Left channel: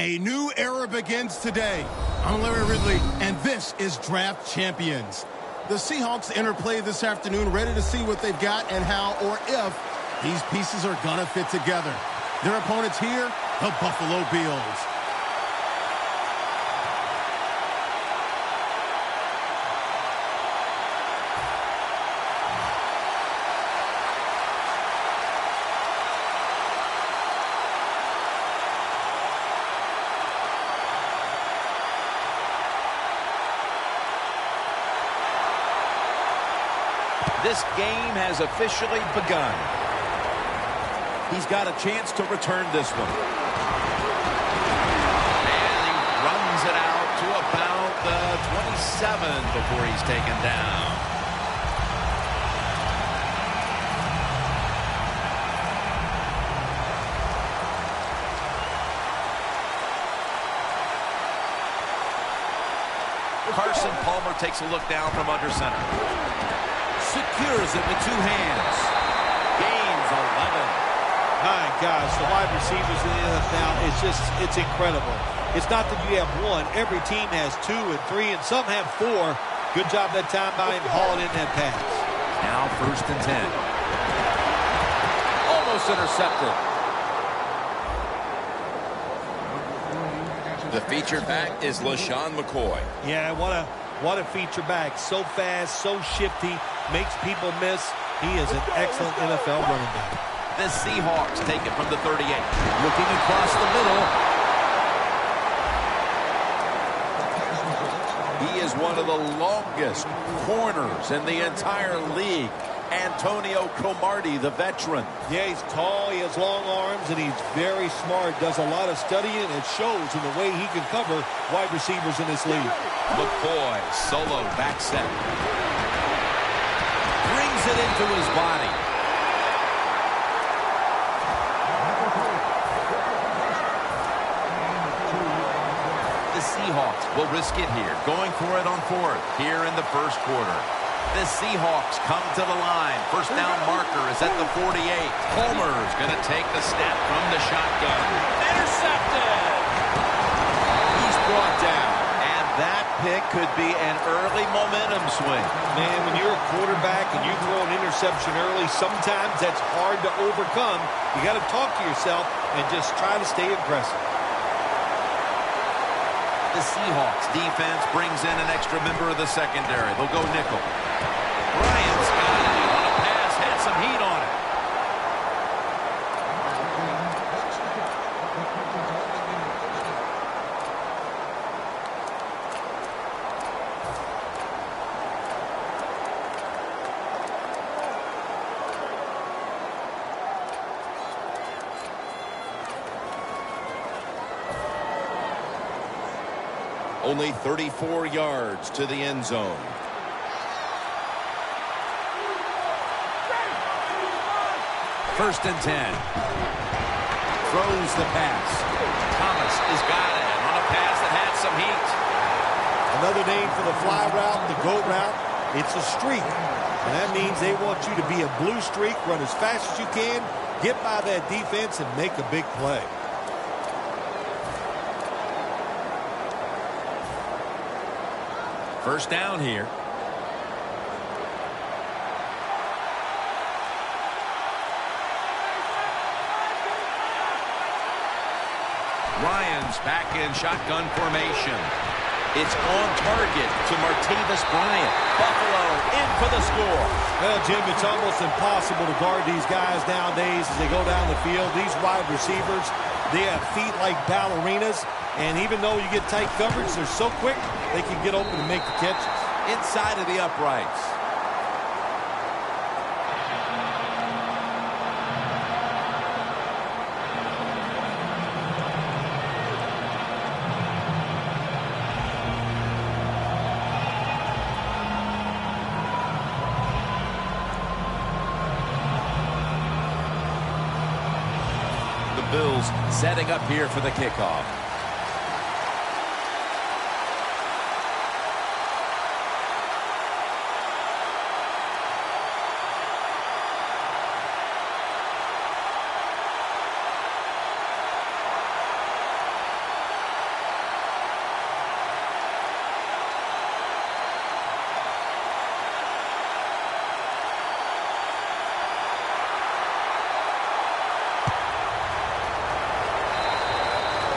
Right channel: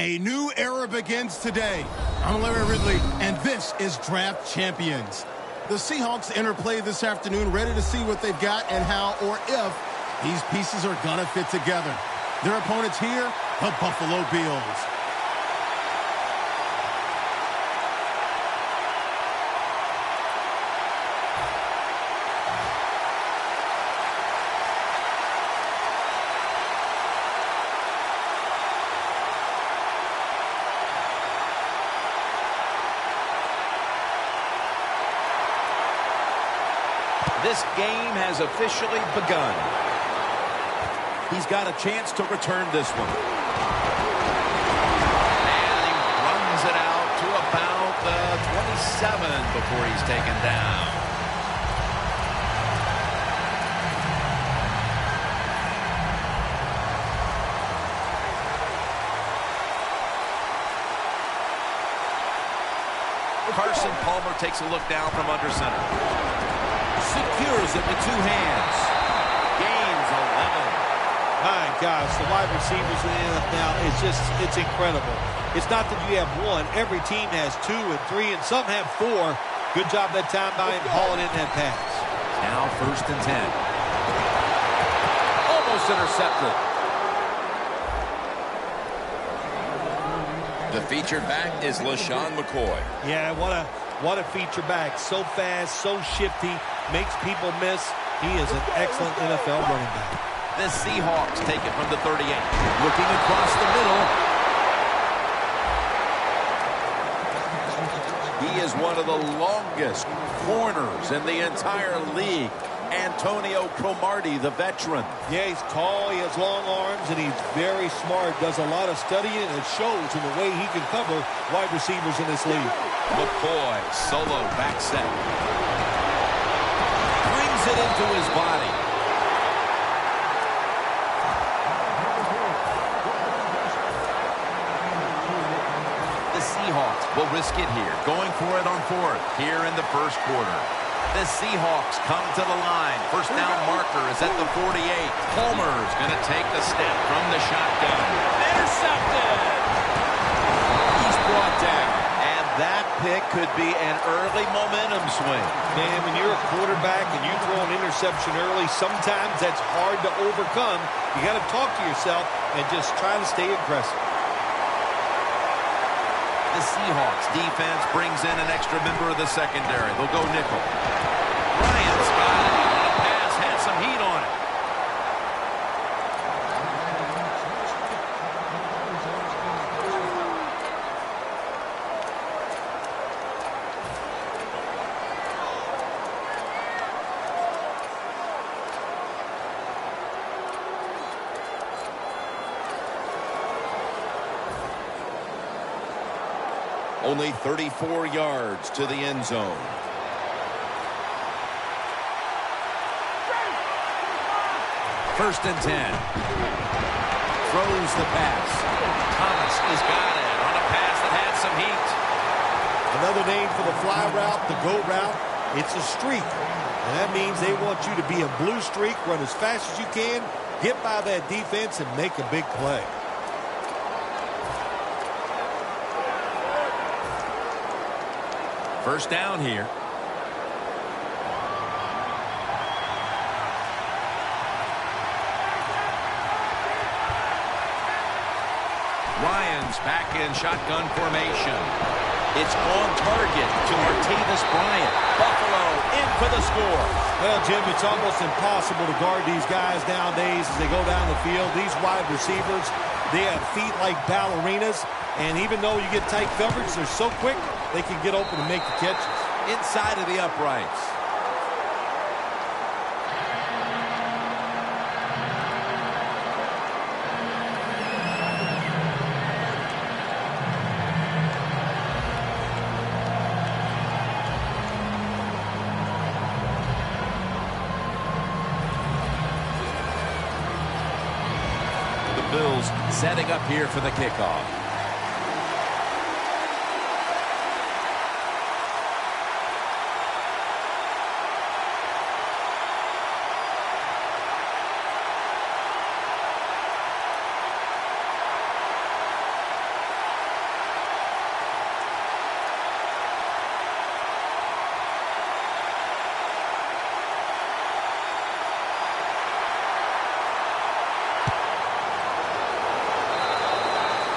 A new era begins today. I'm Larry Ridley, and this is Draft Champions. The Seahawks enter play this afternoon, ready to see what they've got and how or if these pieces are going to fit together. Their opponents here, the Buffalo Bills. This game has officially begun. He's got a chance to return this one. And he runs it out to about the 27 before he's taken down. Carson Palmer takes a look down from under center. Secures it with two hands. Gains 11. My gosh, the wide receivers in the NFL, it's incredible. It's not that you have one. Every team has 2 and 3, and some have 4. Good job that time by him hauling in that pass. Now 1st and 10. Almost intercepted. The featured back is LaShawn McCoy. Yeah, what a feature back. So fast, so shifty, makes people miss. He is an excellent NFL running back. The Seahawks take it from the 38. Looking across the middle. He is one of the longest corners in the entire league. Antonio Cromartie, the veteran. Yeah, he's tall, he has long arms, and he's very smart. Does a lot of studying, and it shows in the way he can cover wide receivers in this league. McCoy, solo back set. Brings it into his body. The Seahawks will risk it here, going for it on 4th here in the first quarter. The Seahawks come to the line. First down marker is at the 48. Palmer's going to take the snap from the shotgun. Intercepted! He's brought down. And that pick could be an early momentum swing. Man, when you're a quarterback and you throw an interception early, sometimes that's hard to overcome. You got to talk to yourself and just try to stay aggressive. The Seahawks defense brings in an extra member of the secondary. They'll go nickel. Bryant's got it on a pass, had some heat on it. Only 34 yards to the end zone. First and 10. Throws the pass. Thomas has got it on a pass that had some heat. Another name for the fly route, the go route, it's a streak. And that means they want you to be a blue streak, run as fast as you can, get by that defense, and make a big play. First down here. Ryan's back in shotgun formation. It's on target to Martavis Bryant. Buffalo in for the score. Well, Jim, it's almost impossible to guard these guys nowadays as they go down the field. These wide receivers, they have feet like ballerinas. And even though you get tight coverage, they're so quick, they can get open and make the catches. Inside of the uprights. The Bills setting up here for the kickoff.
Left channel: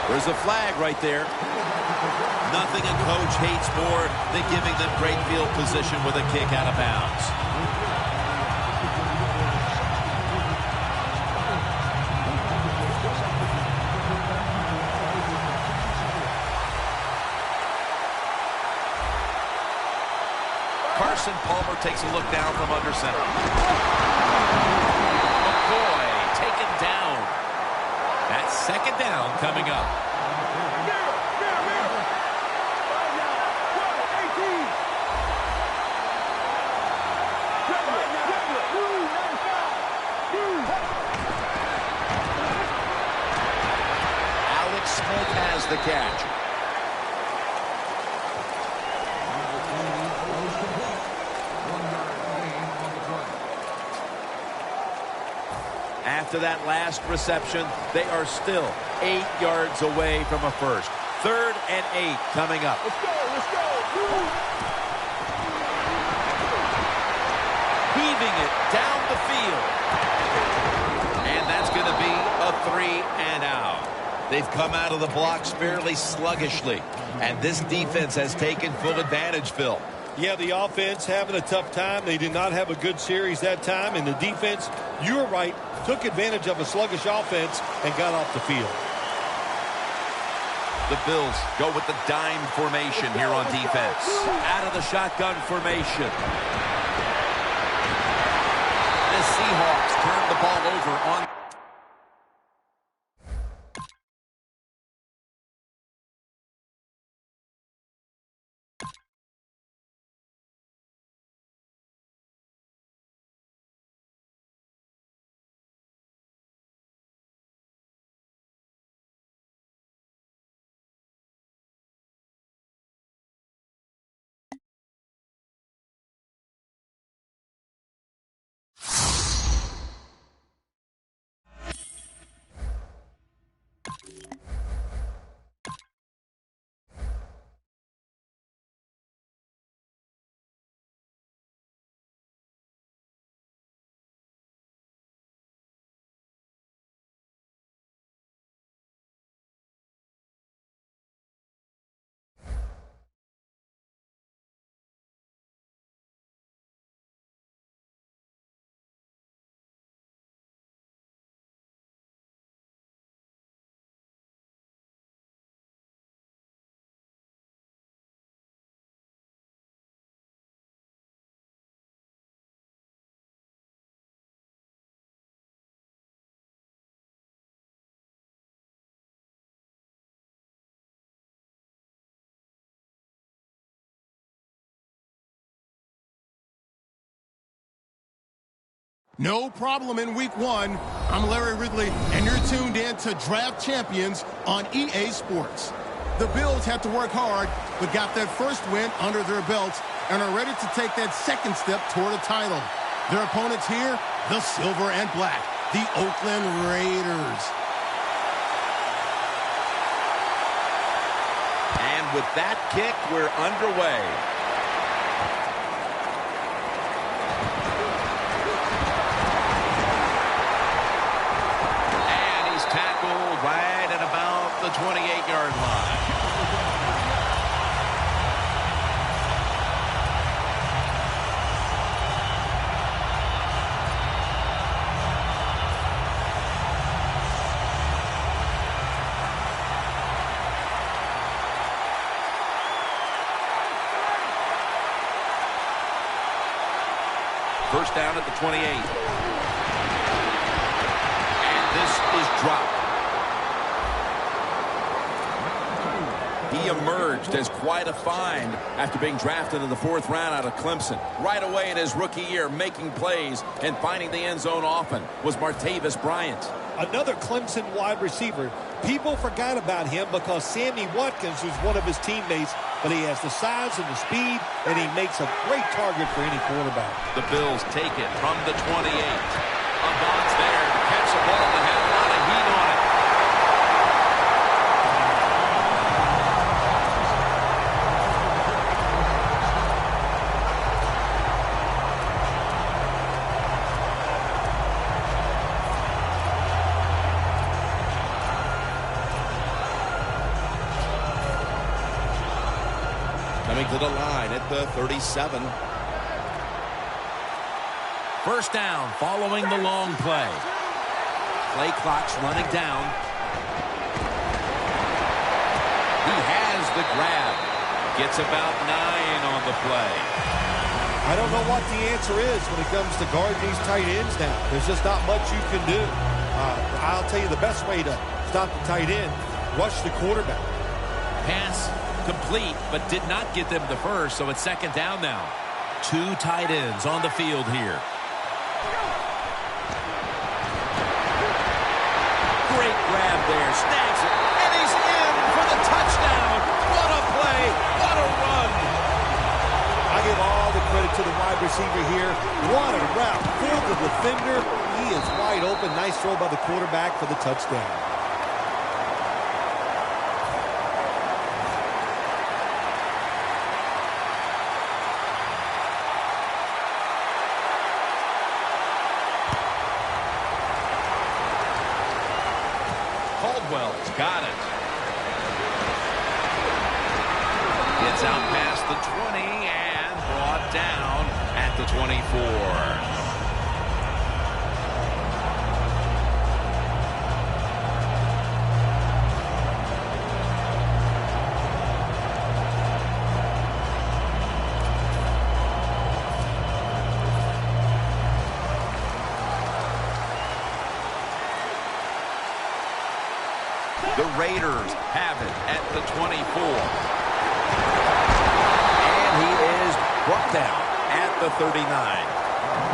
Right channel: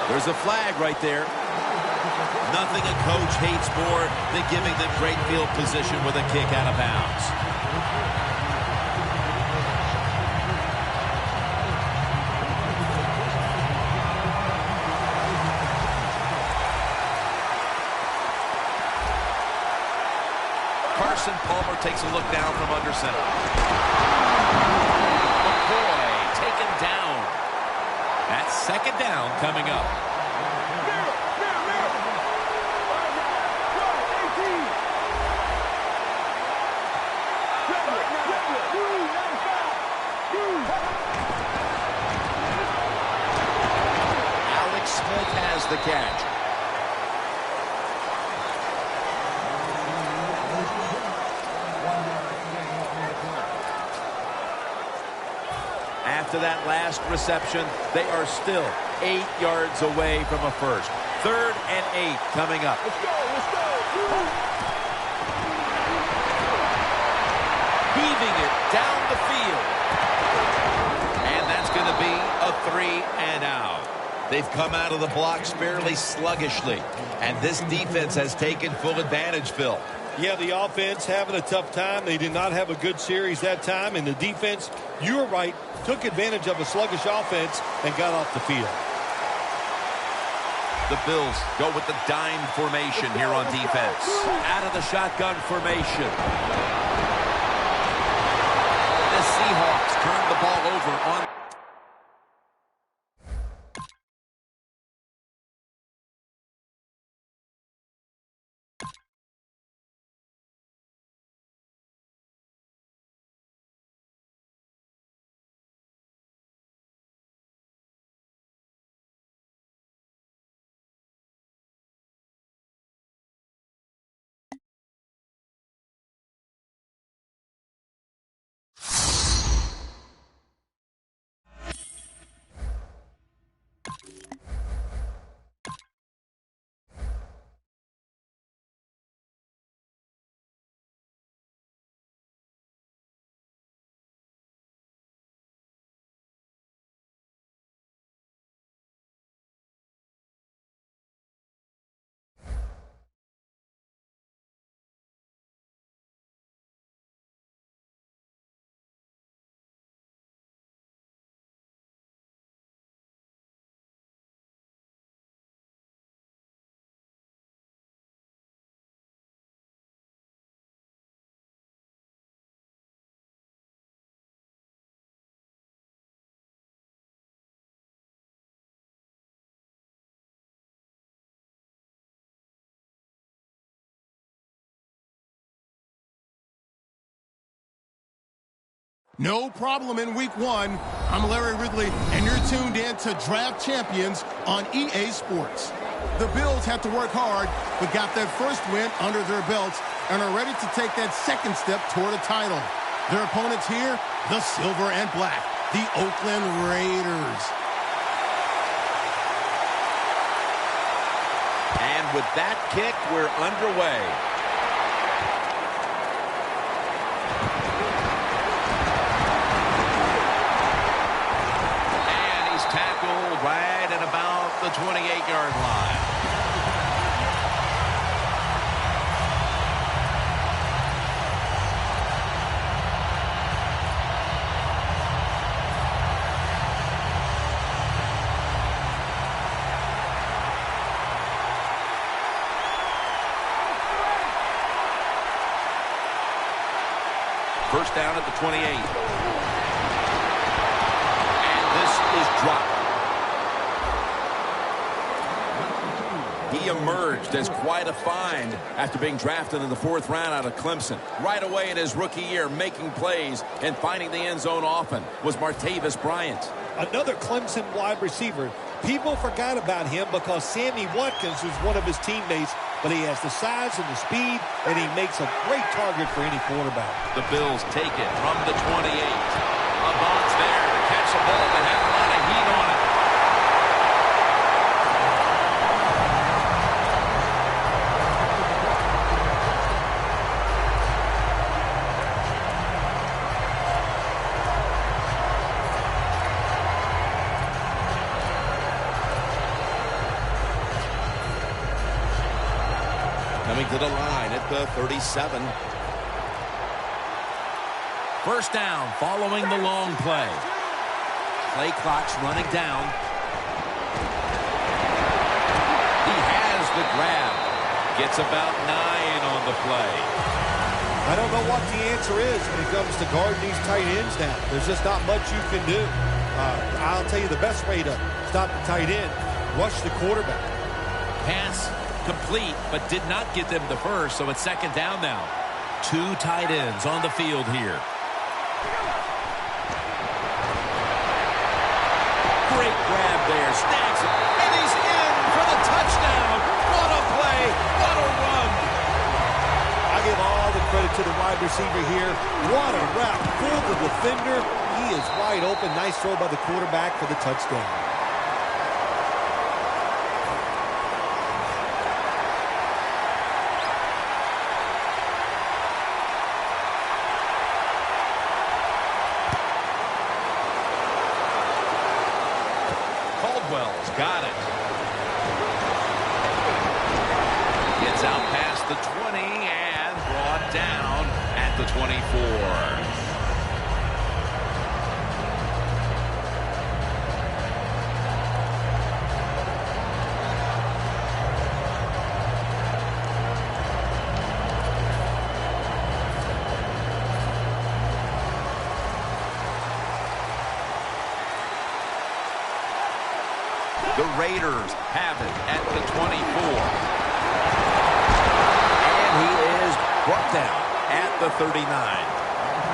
There's a flag right there. Nothing a coach hates more than giving them great field position with a kick out of bounds. Carson Palmer takes a look down from under center. McCoy taken down. That's second down coming up. Alex Smith has the catch. After that last reception, they are still 8 yards away from a first. 3rd and 8 coming up. Let's go, let's go. Heaving it down the field. And that's going to be a 3 and out. They've come out of the blocks fairly sluggishly. And this defense has taken full advantage, Phil. Yeah, the offense having a tough time. They did not have a good series that time. And the defense, you were right, took advantage of a sluggish offense and got off the field. The Bills go with the dime formation here on defense. Out of the shotgun formation. The Seahawks turn the ball over on... No problem in week 1. I'm Larry Ridley, and you're tuned in to Draft Champions on EA Sports. The Bills had to work hard, but got that first win under their belts and are ready to take that second step toward a title. Their opponents here, the Silver and Black, the Oakland Raiders. And with that kick, we're underway. Tackled right at about the 28-yard line. First down at the 28. This is dropped. He emerged as quite a find after being drafted in the 4th round out of Clemson. Right away in his rookie year, making plays and finding the end zone often was Martavis Bryant. Another Clemson wide receiver. People forgot about him because Sammy Watkins was one of his teammates, but he has the size and the speed, and he makes a great target for any quarterback. The Bills take it from the 28. Avant's there to catch a ball that had a lot of heat on it. Coming to the line at the 37. First down following the long play. Play clock's running down. He has the grab. Gets about 9 on the play. I don't know what the answer is when it comes to guarding these tight ends now. There's just not much you can do. I'll tell you the best way to stop the tight end, rush the quarterback. Pass complete, but did not get them the first, so it's second down now. 2 tight ends on the field here. Great grab there, snags it, and he's in for the touchdown. What a play, what a run. I give all the credit to the wide receiver here. What a route, fooled the defender. He is wide open. Nice throw by the quarterback for the touchdown. Caldwell's got it. Gets out past the 20 and brought down at the 24. The Raiders have it at the 24. And he is brought down at the 39.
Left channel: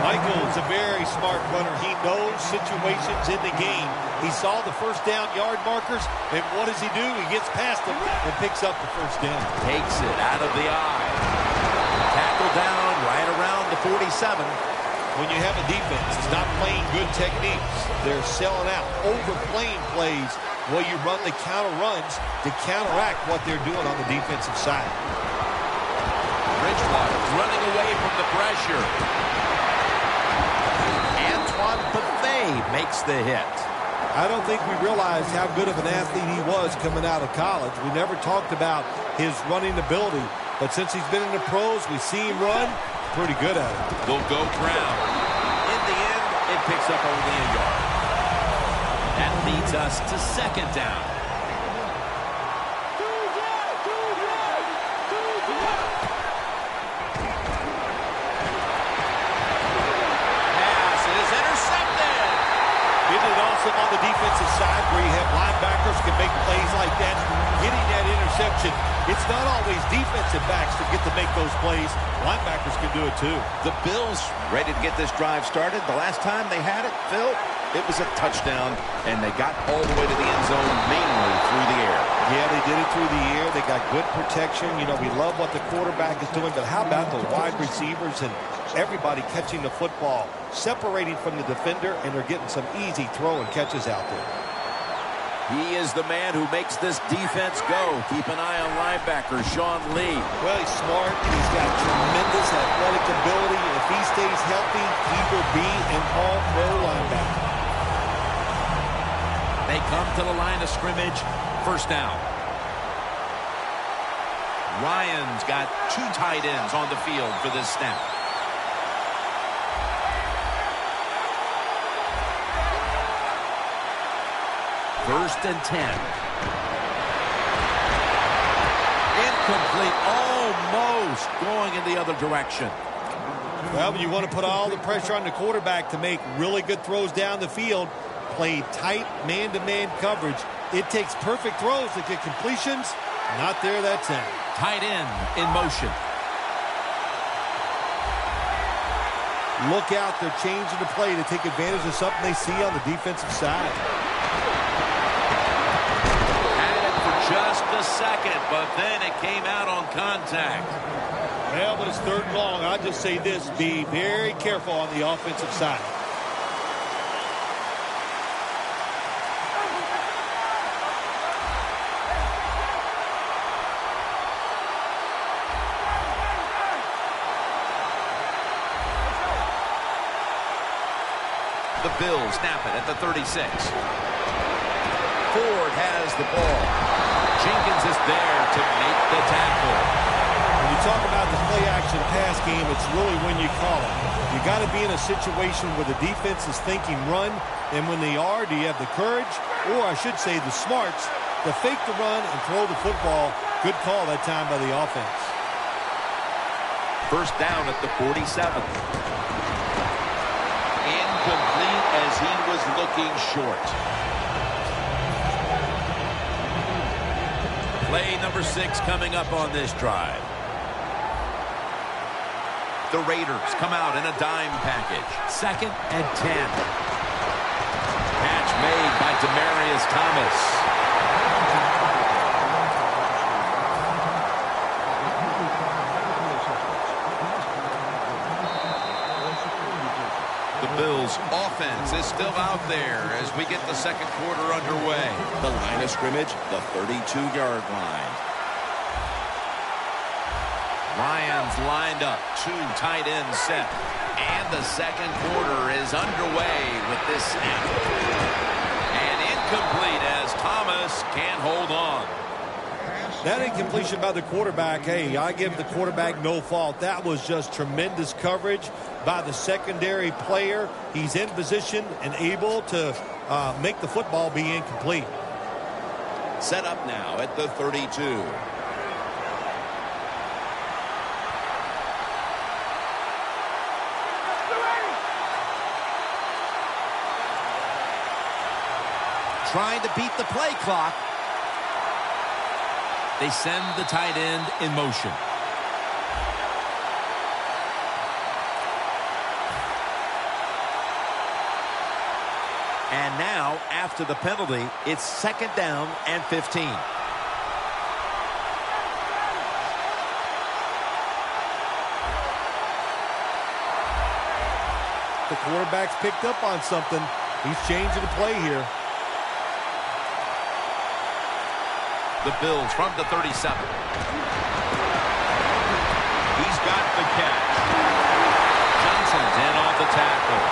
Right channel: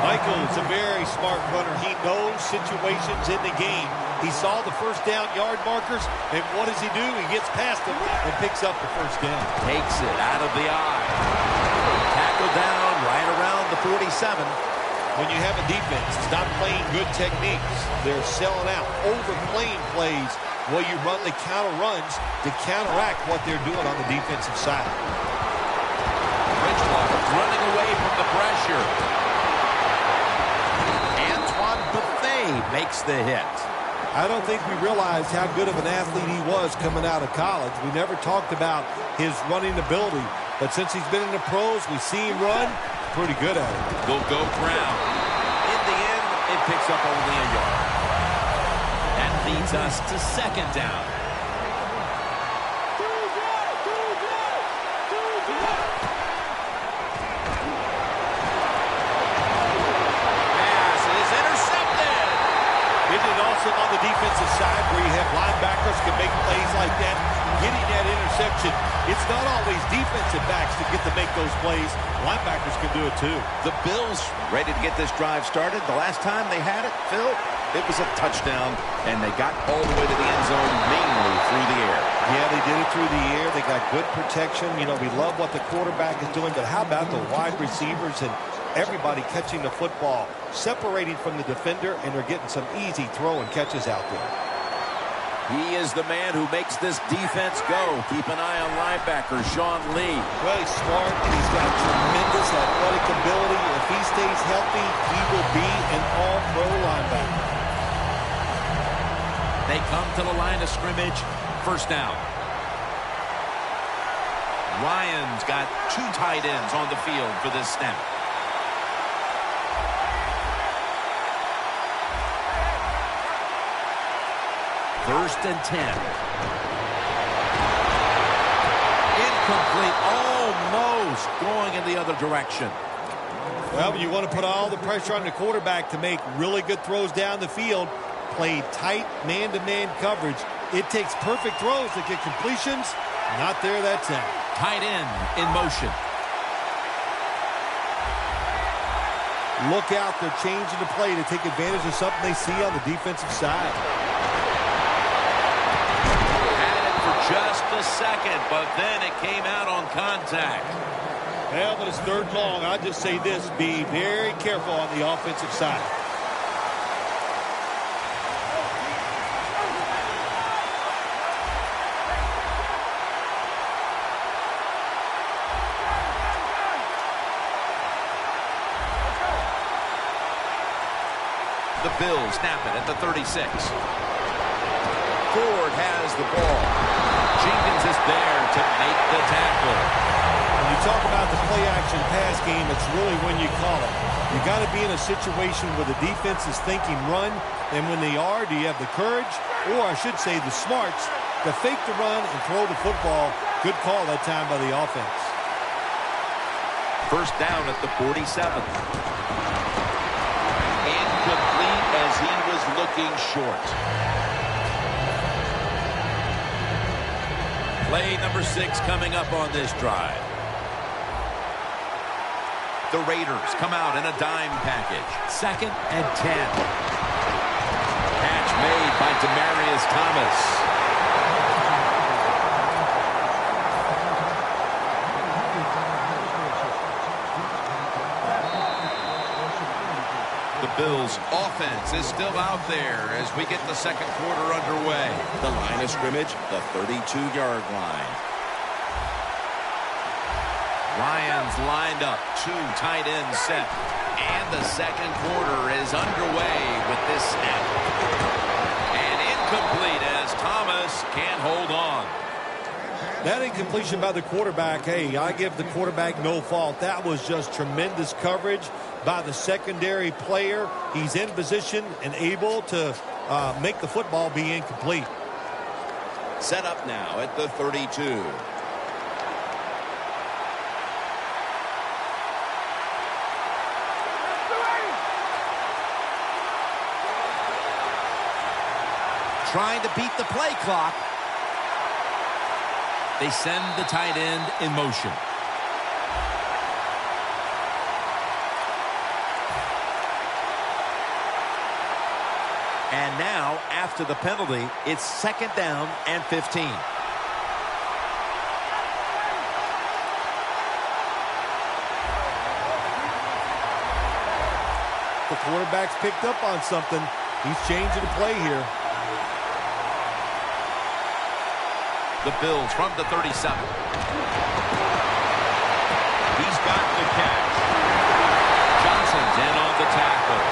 Michael's a very smart runner. He knows situations in the game. He saw the first down yard markers, and what does he do? He gets past them and picks up the first down. Takes it out of the eye. Tackle down right around the 47. When you have a defense that's not playing good techniques, they're selling out, overplaying plays while you run the counter runs to counteract what they're doing on the defensive side. Bridgewater running away from the pressure. Antoine Buffet makes the hit. I don't think we realized how good of an athlete he was coming out of college. We never talked about his running ability, but since he's been in the pros, we see him run. Pretty good at it. They'll go ground. In the end, it picks up only a yard. That leads us to second down. Pass is intercepted. Isn't it awesome on the defensive side where you have linebackers can make plays like that? Getting that interception, it's not always defensive backs that get to make those plays. Linebackers can do it too. The Bills ready to get this drive started. The last time they had it, Phil, it was a touchdown, and they got all the way to the end zone mainly through the air. Yeah, they did it through the air. They got good protection. You know, we love what the quarterback is doing, but how about the wide receivers and everybody catching the football, separating from the defender, and they're getting some easy throw and catches out there. He is the man who makes this defense go. Keep an eye on linebacker Sean Lee. Well, he's smart, and he's got tremendous athletic ability. If he stays healthy, he will be an all-pro linebacker. They come to the line of scrimmage. First down. Ryan's got 2 tight ends on the field for this snap. First and 10. Incomplete. Almost going in the other direction. Well, you want to put all the pressure on the quarterback to make really good throws down the field. Play tight man-to-man coverage. It takes perfect throws to get completions. Not there that time. Tight end in motion. Look out. They're changing the play to take advantage of something they see on the defensive side. Just a second, but then it came out on contact. Well, but it's third and long. I'll just say this, be very careful on the offensive side. The Bills snap it at the 36. Ford has the ball. Jenkins is there to make the tackle. you talk about the play-action pass game, it's really when you call it. You got to be in a situation where the defense is thinking run, and when they are, do you have the courage, or I should say the smarts, to fake the run and throw the football? Good call that time by the offense. First down at the 47. Incomplete as he was looking short. Play number 6 coming up on this drive. The Raiders come out in a dime package. 2nd and 10. Catch made by Demaryius Thomas. The Bills' offense is still out there as we get the second quarter underway. The line of scrimmage, the 32-yard line. Lions lined up, 2 tight ends set. And the second quarter is underway with this snap. And incomplete as Thomas can't hold on. That incompletion by the quarterback, hey, I give the quarterback no fault. That was just tremendous coverage by the secondary player. He's in position and able to make the football be incomplete. Set up now at the 32. Trying to beat the play clock. They send the tight end in motion. And now, after the penalty, it's 2nd down and 15. The quarterback's picked up on something. He's changing the play here. The Bills from the 37. He's got the catch. Johnson's in on the tackle.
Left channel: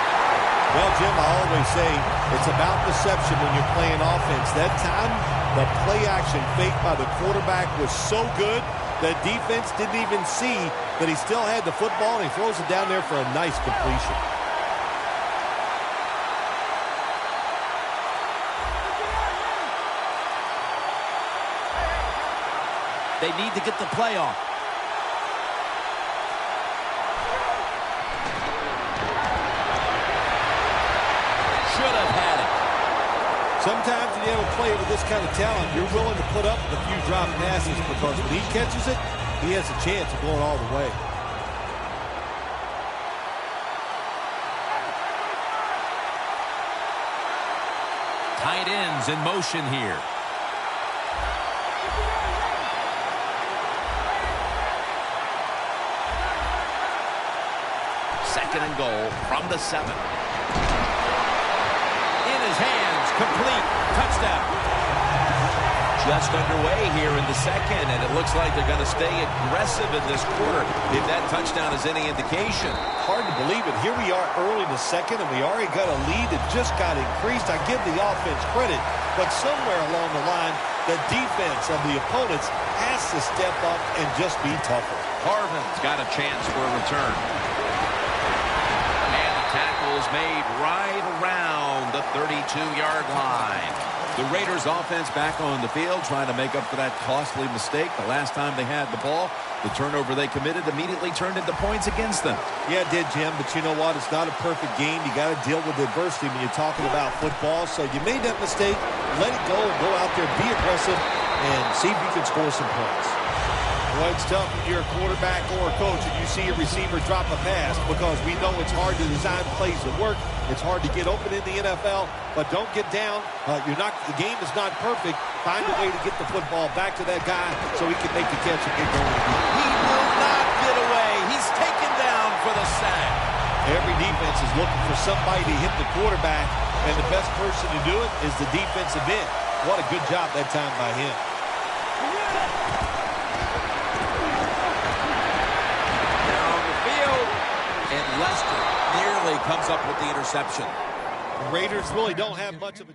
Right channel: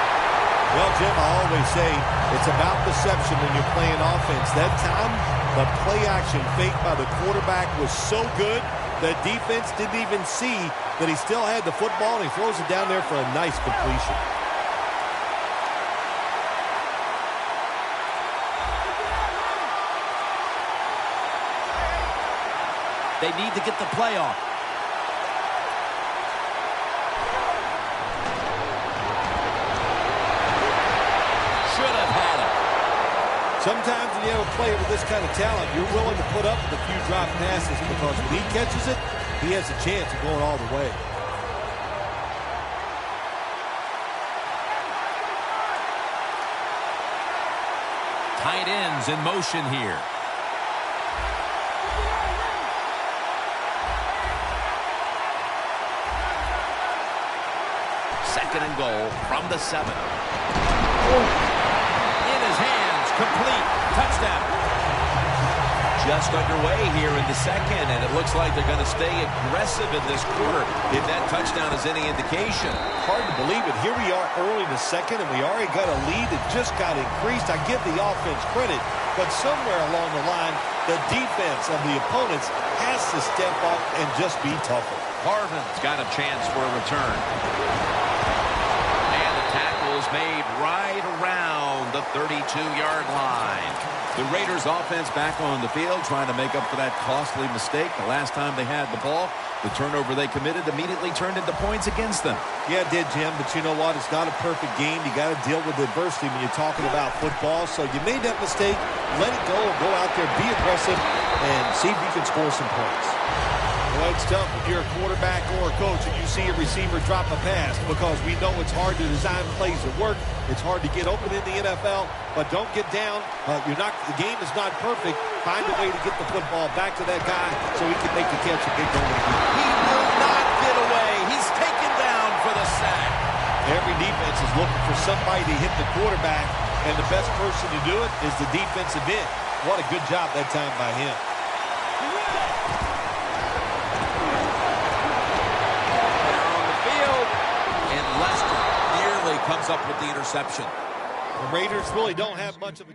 Well, Jim, I always say it's about deception when you're playing offense. That time, the play-action fake by the quarterback was so good, the defense didn't even see that he still had the football, and he throws it down there for a nice completion. They need to get the play off. Should have had it. Sometimes when you have a player with this kind of talent, you're willing to put up with a few drop passes because when he catches it, he has a chance of going all the way. Tight ends in motion here. Second and goal from the 7. In his hands, complete, touchdown. Just underway here in the second, and it looks like they're going to stay aggressive in this quarter if that touchdown is any indication. Hard to believe it. Here we are early in the second, and we already got a lead that just got increased. I give the offense credit, but somewhere along the line, the defense of the opponents has to step up and just be tougher. Harvin's got a chance for a return. Tackles made right around the 32-yard line. The Raiders offense back on the field trying to make up for that costly mistake. The last time they had the ball, the turnover they committed immediately turned into points against them. Yeah, it did, Jim, but you know what? It's not a perfect game. You got to deal with adversity when you're talking about football. So you made that mistake, let it go, and go out there, be aggressive, and see if you can score some points. Well, it's tough when you're a quarterback or a coach and you see a receiver drop a pass because we know it's hard to design plays that work. It's hard to get open in the NFL, but don't get down. The game is not perfect. Find a way to get the football back to that guy so he can make the catch and get going again. He will not get away. He's taken down for the sack. Every defense is looking for somebody to hit the quarterback, and the best person to do it is the defensive end. What a good job that time by him. And Lester nearly comes up with the interception. The Raiders really don't have much of a...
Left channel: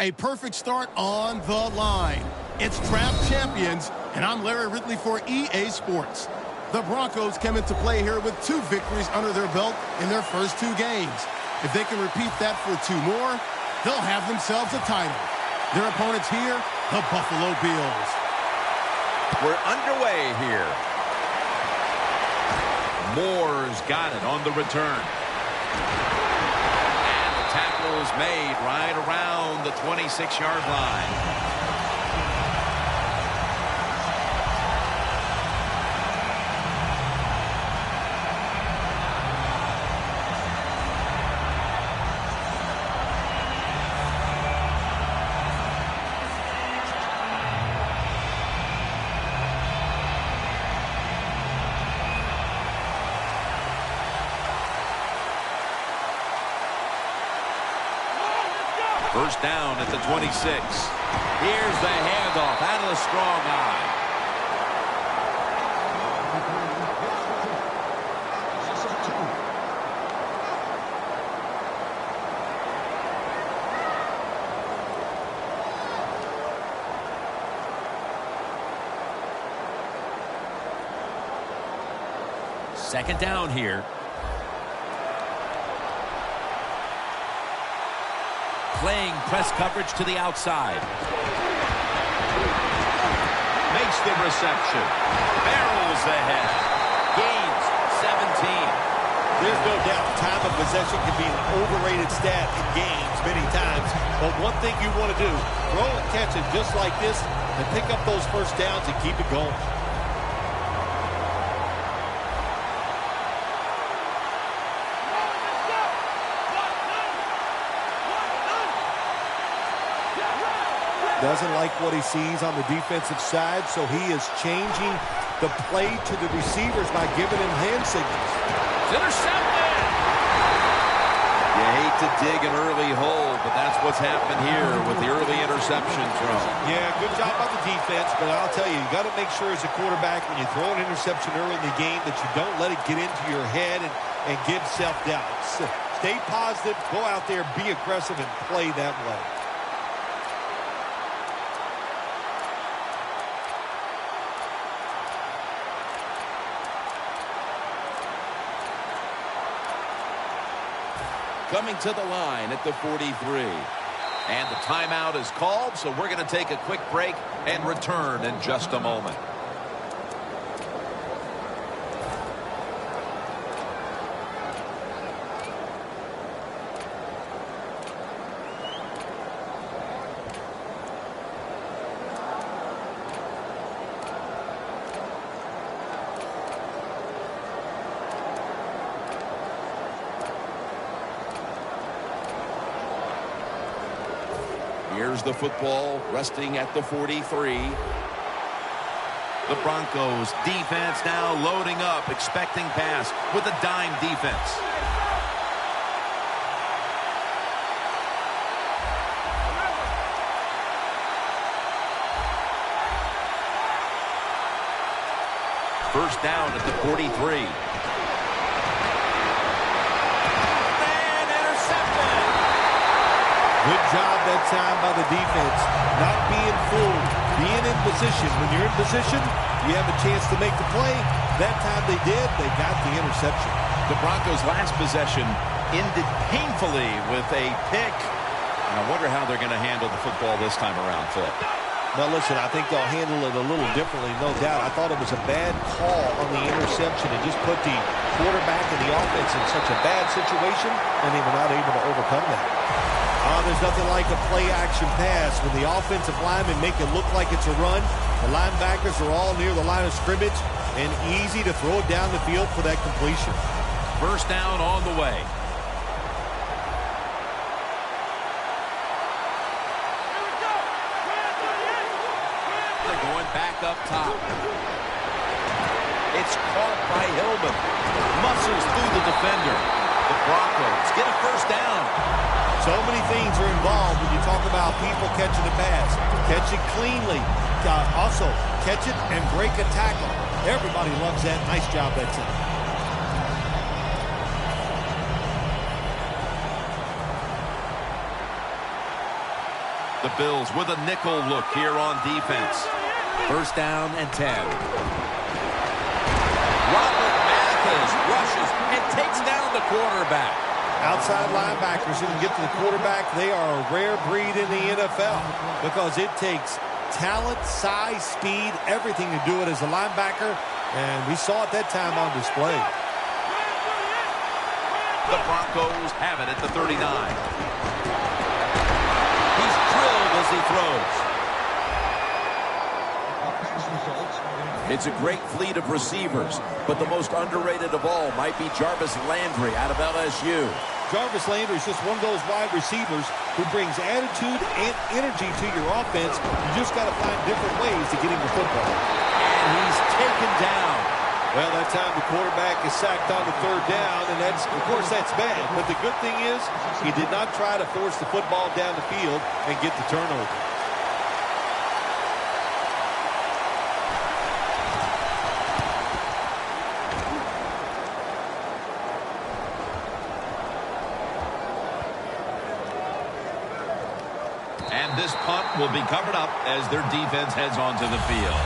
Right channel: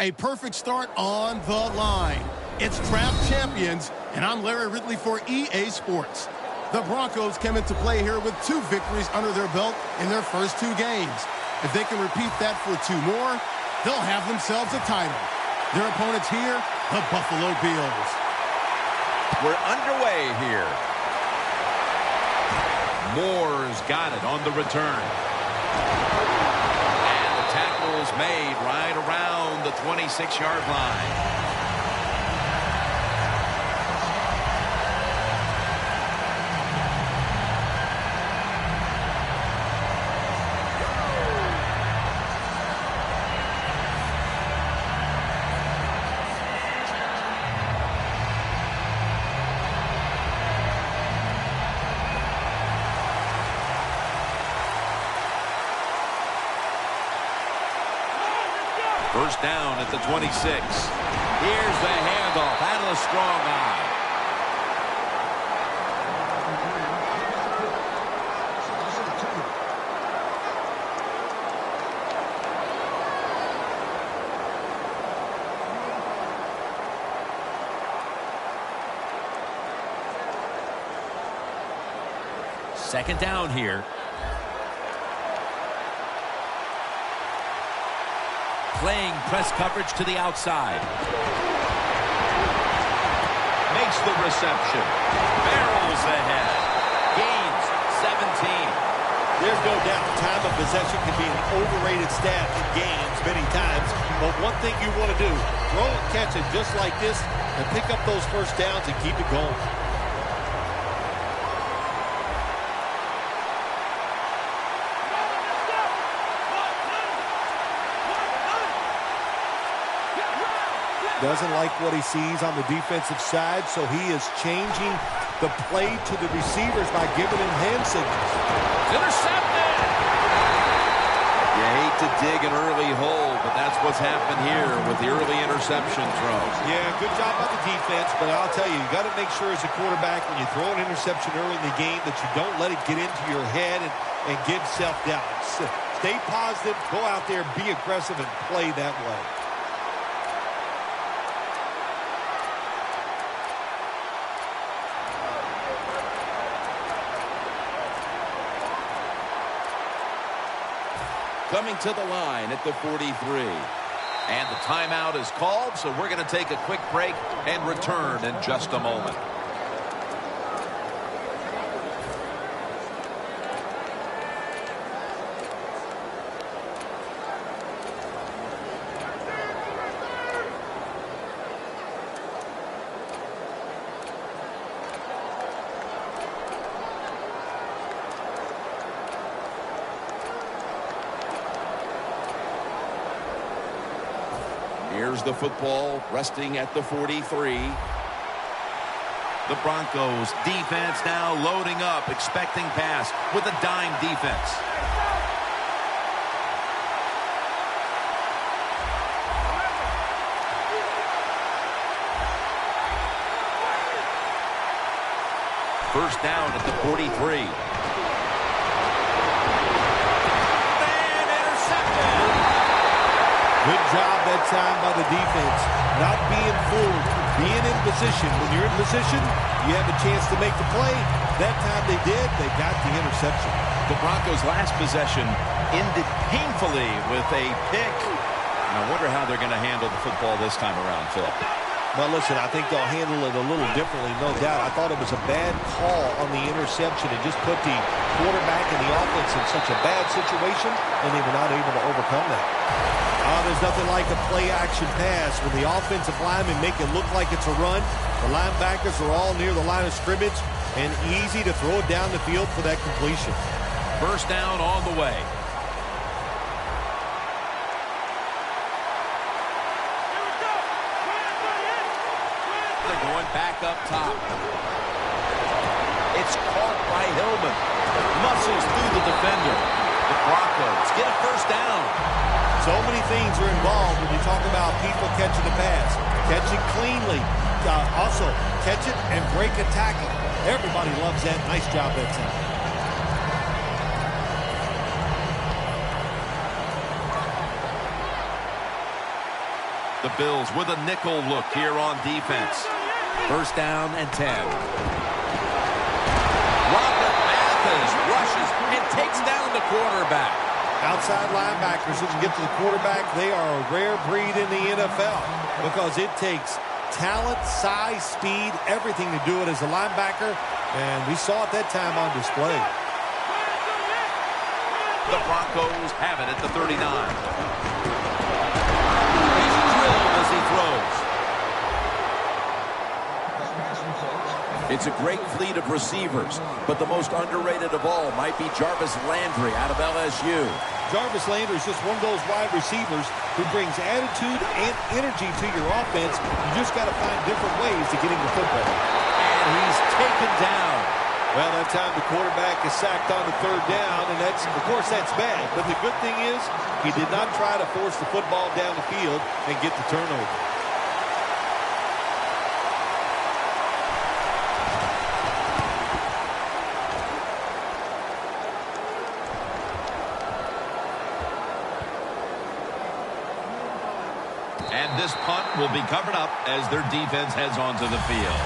A perfect start on the line. It's Draft Champions, and I'm Larry Ridley for EA Sports. The Broncos came into play here with 2 victories under their belt in their first 2 games. If they can repeat that for 2 more, they'll have themselves a title. Their opponents here, the Buffalo Bills. We're underway here. Moore's got it on the return. And the tackle's made right around the 26-yard line. First down at the 26. Here's the handoff out of the strong eye. Second down here. Playing press coverage to the outside. Makes the reception. Barrels ahead. Gains 17. There's no doubt time of possession can be an overrated stat in games many times. But one thing you want to do, throw and catch it just like this and pick up those first downs and keep it going. Doesn't like what he sees on the defensive side, so he is changing the play to the receivers by giving him hand signals. It's intercepted! You hate to dig an early hole, but that's what's happened here with the early interception throw. Yeah, good job by the defense, but I'll tell you, you got to make sure as a quarterback when you throw an interception early in the game that you don't let it get into your head and give self-doubt. Stay positive, go out there, be aggressive, and play that way. Coming to the line at the 43. And the timeout is called, so we're going to take a quick break and return in just a moment. Here's the football resting at the 43. The Broncos defense now loading up, expecting pass with a dime defense. First down at the 43. Good job that time by the defense. Not being fooled, being in position. When you're in position, you have a chance to make the play. That time they did, they got the interception. The Broncos' last possession ended painfully with a pick. And I wonder how they're going to handle the football this time around, Phil. Well, listen, I think they'll handle it a little differently, no doubt. I thought it was a bad call on the interception. It just put the quarterback and the offense in such a bad situation, and they were not able to overcome that. There's nothing like a play-action pass. When the offensive linemen make it look like it's a run, the linebackers are all near the line of scrimmage, and easy to throw it down the field for that completion. First down on the way. They're going back up top. It's caught by Hillman. Muscles through the defender. The Broncos get a first down. So many things are involved when you talk about people catching the pass. Catch it cleanly. Also, catch it and break a tackle. Everybody loves that. Nice job that time. The Bills with a nickel look here on defense. First down and 10. Robert Mathis rushes and takes down the quarterback. Outside linebackers who can get to the quarterback, they are a rare breed in the NFL because it takes talent, size, speed, everything to do it as a linebacker, and we saw it that time on display. The Broncos have it at the 39. He's drilled as he throws. It's a great fleet of receivers, but the most underrated of all might be Jarvis Landry out of LSU. Jarvis Landry is just one of those wide receivers who brings attitude and energy to your offense. You just got to find different ways to get him the football. And he's taken down. Well, that time the quarterback is sacked on the third down, and that's, of course, that's bad. But the good thing is he did not try to force the football down the field and get the turnover. And this punt will be covered up as their defense heads onto the field.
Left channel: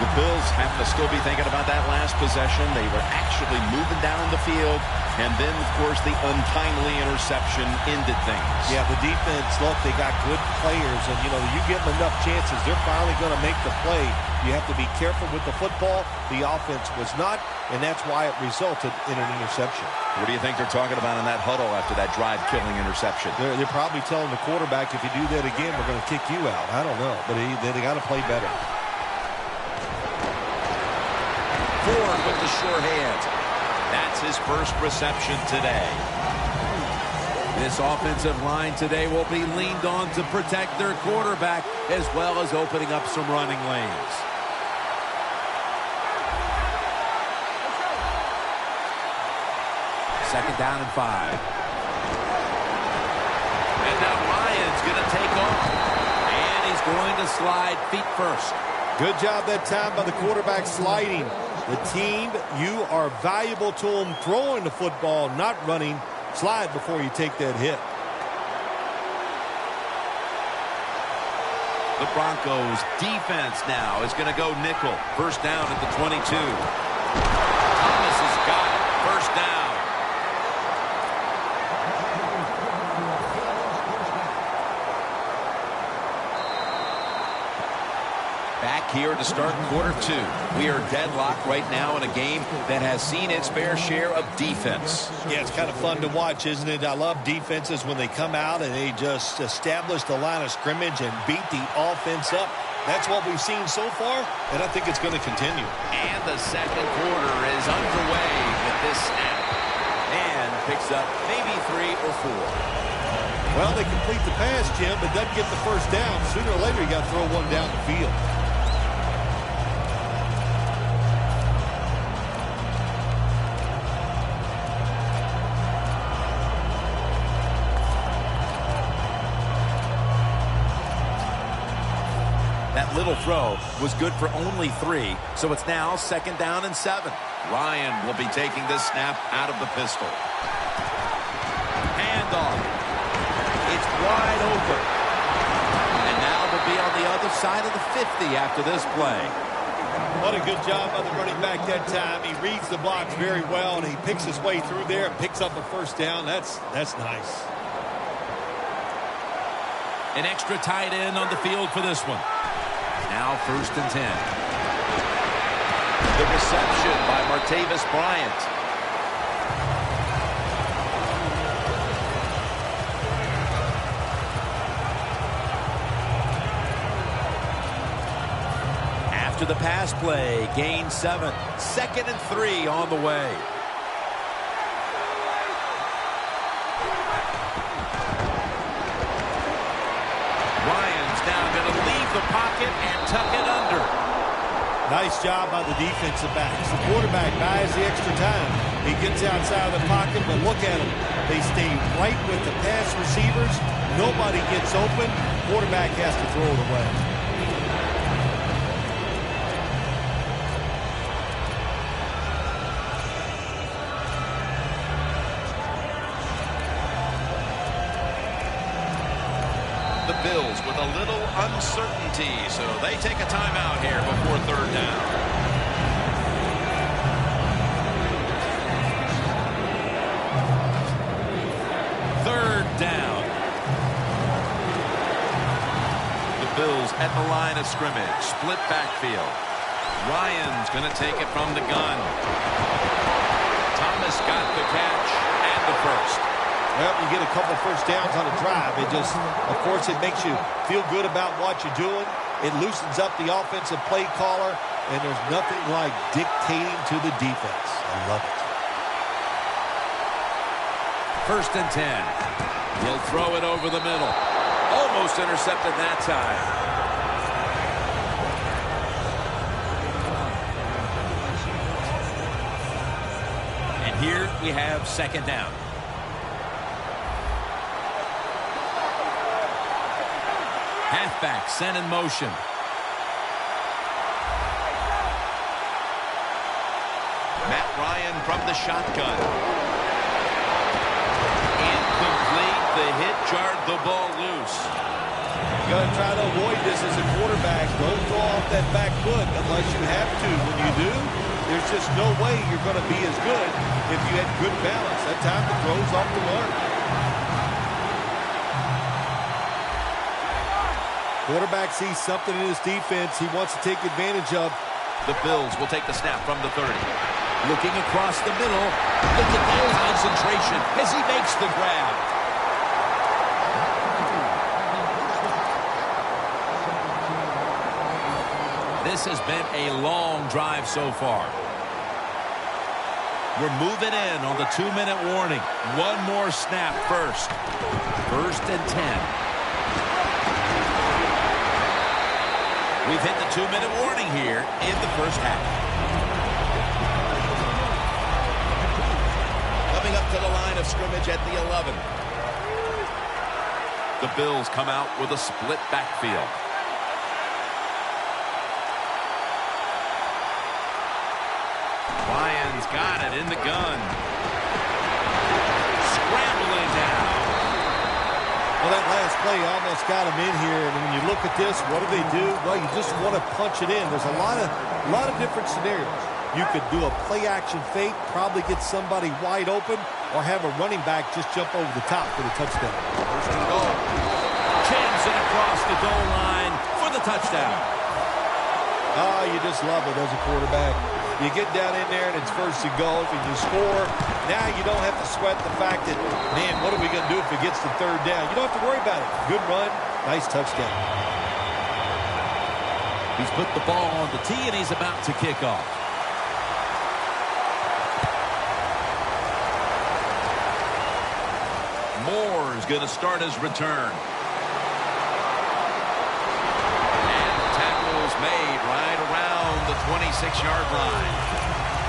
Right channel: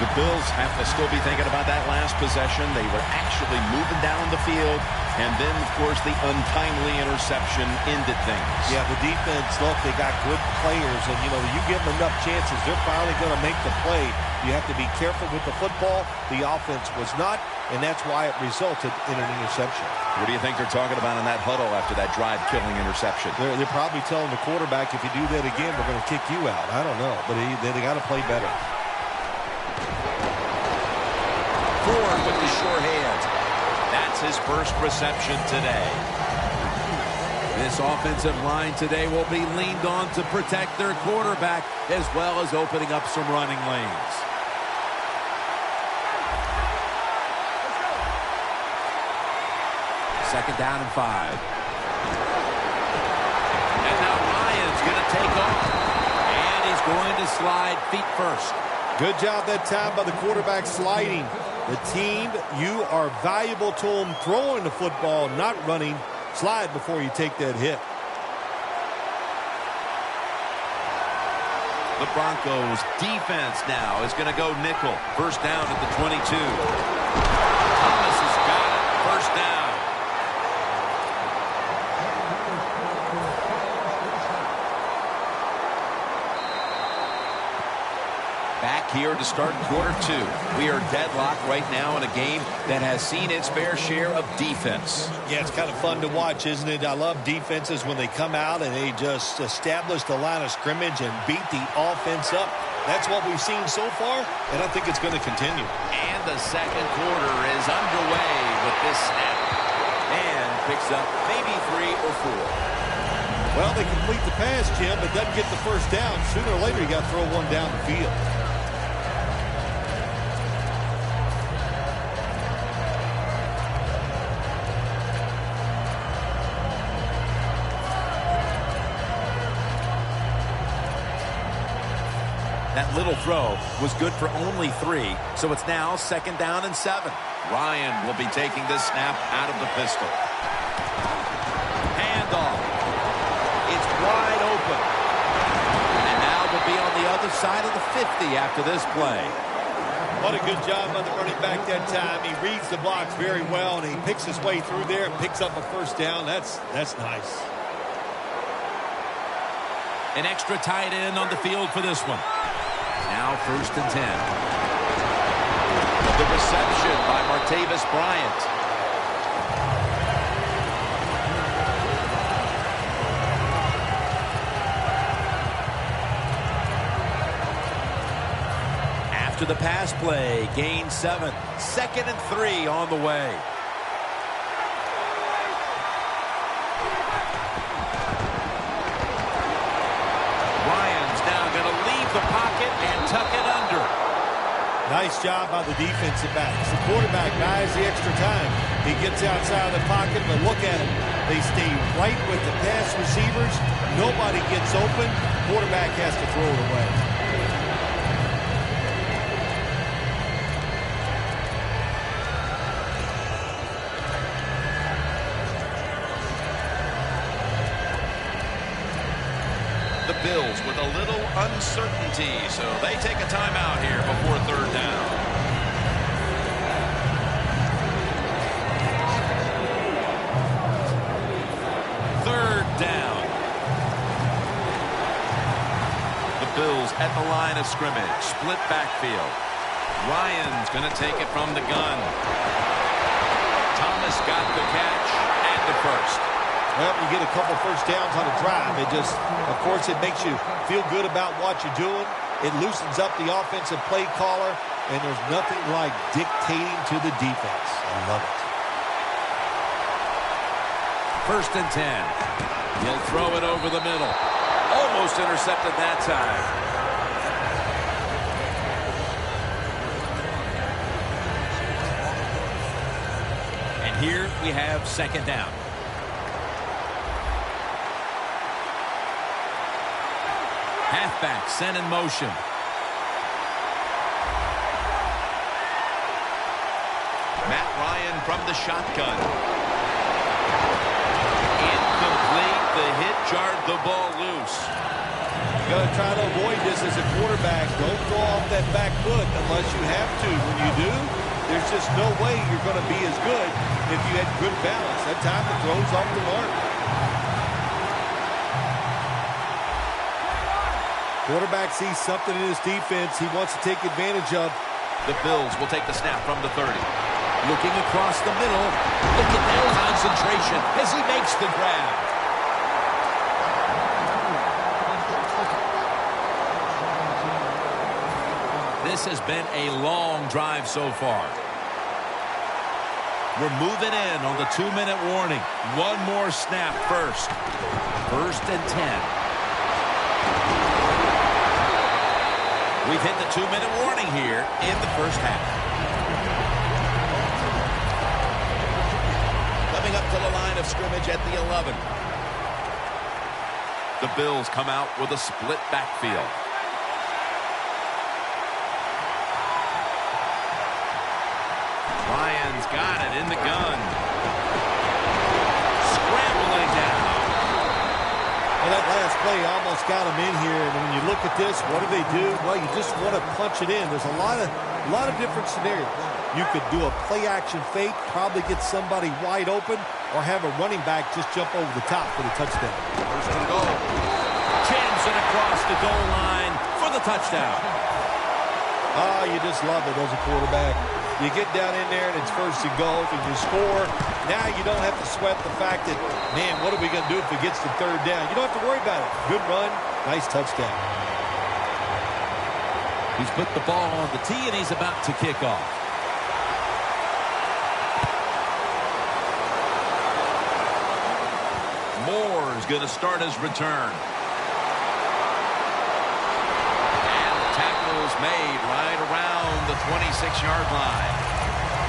The Bills have to still be thinking about that last possession. They were actually moving down the field. And then, of course, the untimely interception ended things. Yeah, the defense, look, they got good players. And, you know, you give them enough chances, they're finally going to make the play. You have to be careful with the football. The offense was not, and that's why it resulted in an interception. What do you think they're talking about in that huddle after that drive-killing interception? They're probably telling the quarterback, if you do that again, we're going to kick you out. I don't know, but they got to play better. Ford with the sure hand. That's his first reception today. This offensive line today will be leaned on to protect their quarterback as well as opening up some running lanes. Second down and 5. And now Ryan's going to take off. And he's going to slide feet first. Good job that time by the quarterback sliding. The team, you are valuable to them throwing the football, not running. Slide before you take that hit. The Broncos defense now is going to go nickel. First down at the 22. Thomas has got it. First down. Back here to start quarter 2. We are deadlocked right now in a game that has seen its fair share of defense. Yeah, it's kind of fun to watch, isn't it? I love defenses when they come out and they just establish the line of scrimmage and beat the offense up. That's what we've seen so far, and I think it's going to continue. And the second quarter is underway with this snap. And picks up maybe 3 or 4. Well, they complete the pass, Jim, but doesn't get the first down. Sooner or later, you got to throw one down the field. That little throw was good for only 3, so it's now second down and 7. Ryan will be taking this snap out of the pistol. Handoff. It's wide open. And now they'll be on the other side of the 50 after this play. What a good job by the running back that time. He reads the blocks very well, and he picks his way through there and picks up a first down. That's nice. An extra tight end on the field for this one. Now first and 10. The reception by Martavis Bryant. After the pass play, gain 7. Second and 3 on the way. Ryan's now going to leave the pocket and tuck it under. Nice job by the defensive backs. The quarterback buys the extra time. He gets outside of the pocket, but look at them. They stay right with the pass receivers. Nobody gets open. Quarterback has to throw it away. The Bills with a little uncertainty, so they take a timeout here before third down. Third down. The Bills at the line of scrimmage. Split backfield. Ryan's going to take it from the gun. Thomas got the catch and the first. Well, you get a couple first downs on a drive. It just, of course, it makes you feel good about what you're doing. It loosens up the offensive play caller, and there's nothing like dictating to the defense. I love it. First and 10. He'll throw it over the middle. Almost intercepted that time. And here we have second down. Halfback sent in motion. Matt Ryan from the shotgun. Incomplete. The hit jarred the ball loose. You got to try to avoid this as a quarterback. Don't throw off that back foot unless you have to. When you do, there's just no way you're going to be as good if you had good balance. That time the throw's off the mark. Quarterback sees something in his defense he wants to take advantage of. The Bills will take the snap from the 30. Looking across the middle. Look at that concentration as he makes the grab. This has been a long drive so far. We're moving in on the 2-minute warning. One more snap first. First and 10. We've hit the 2-minute warning here in the first half. Coming up to the line of scrimmage at the 11. The Bills come out with a split backfield. Ryan's got it in the gun. Scrambling down. Well, that last play almost got him in here, and when you look at this, what do? Well, you just want to punch it in. There's a lot of different scenarios. You could do a play-action fake, probably get somebody wide open, or have a running back just jump over the top for the touchdown. First and goal. Jams it across the goal line for the touchdown. Oh, you just love it as a quarterback. You get down in there, and it's first and goal, and you score. Now you don't have to sweat the fact that, man, what are we going to do if it gets to third down? You don't have to worry about it. Good run, nice touchdown. He's put the ball on the tee, and he's about to kick off. Moore is going to start his return. And the tackle's made right around the 26-yard line.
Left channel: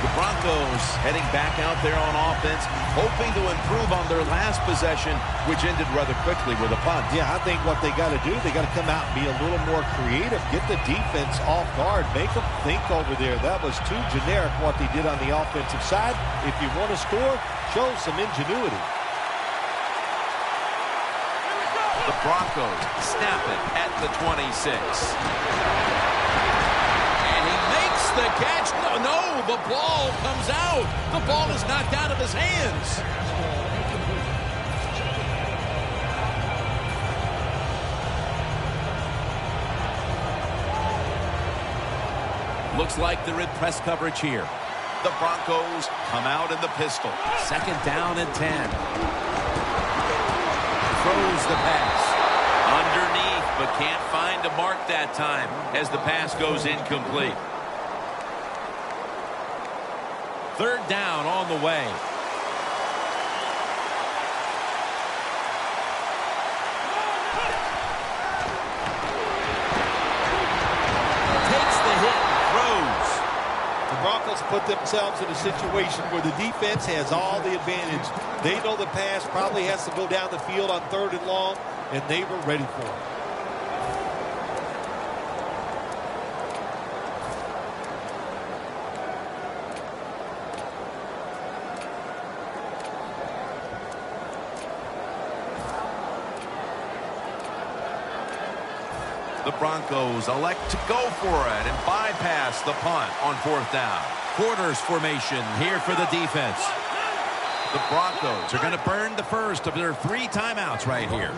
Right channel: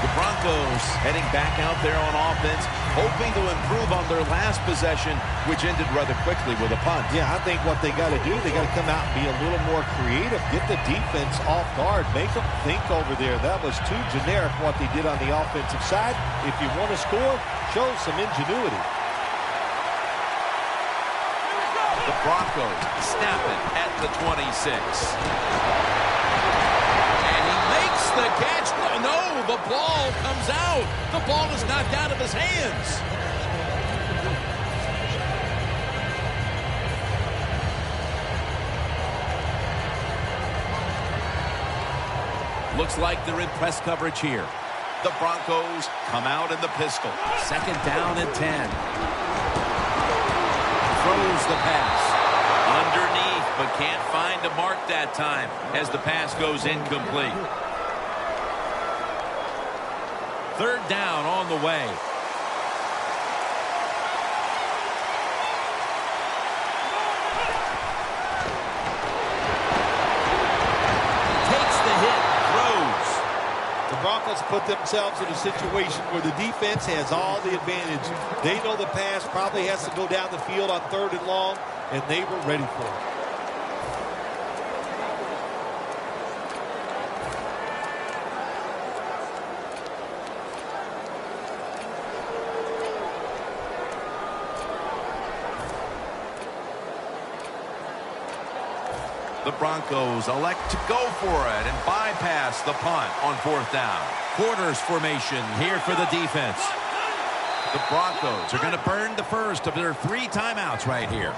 The Broncos heading back out there on offense, hoping to improve on their last possession, which ended rather quickly with a punt. Yeah, I think what they got to do, they got to come out and be a little more creative. Get the defense off guard. Make them think over there. That was too generic what they did on the offensive side. If you want to score, show some ingenuity. The Broncos snap it at the 26. And he makes the catch. No, the ball comes out. The ball is knocked out of his hands. Looks like they're in press coverage here. The Broncos come out in the pistol. Second down and 10. Throws the pass. Underneath, but can't find a mark that time as the pass goes incomplete. Third down on the way. Takes the hit, throws. The Broncos put themselves in a situation where the defense has all the advantage. They know the pass probably has to go down the field on third and long, and they were ready for it. The Broncos elect to go for it and bypass the punt on 4th down. Quarters formation here for the defense. The Broncos are going to burn the first of their 3 timeouts right here.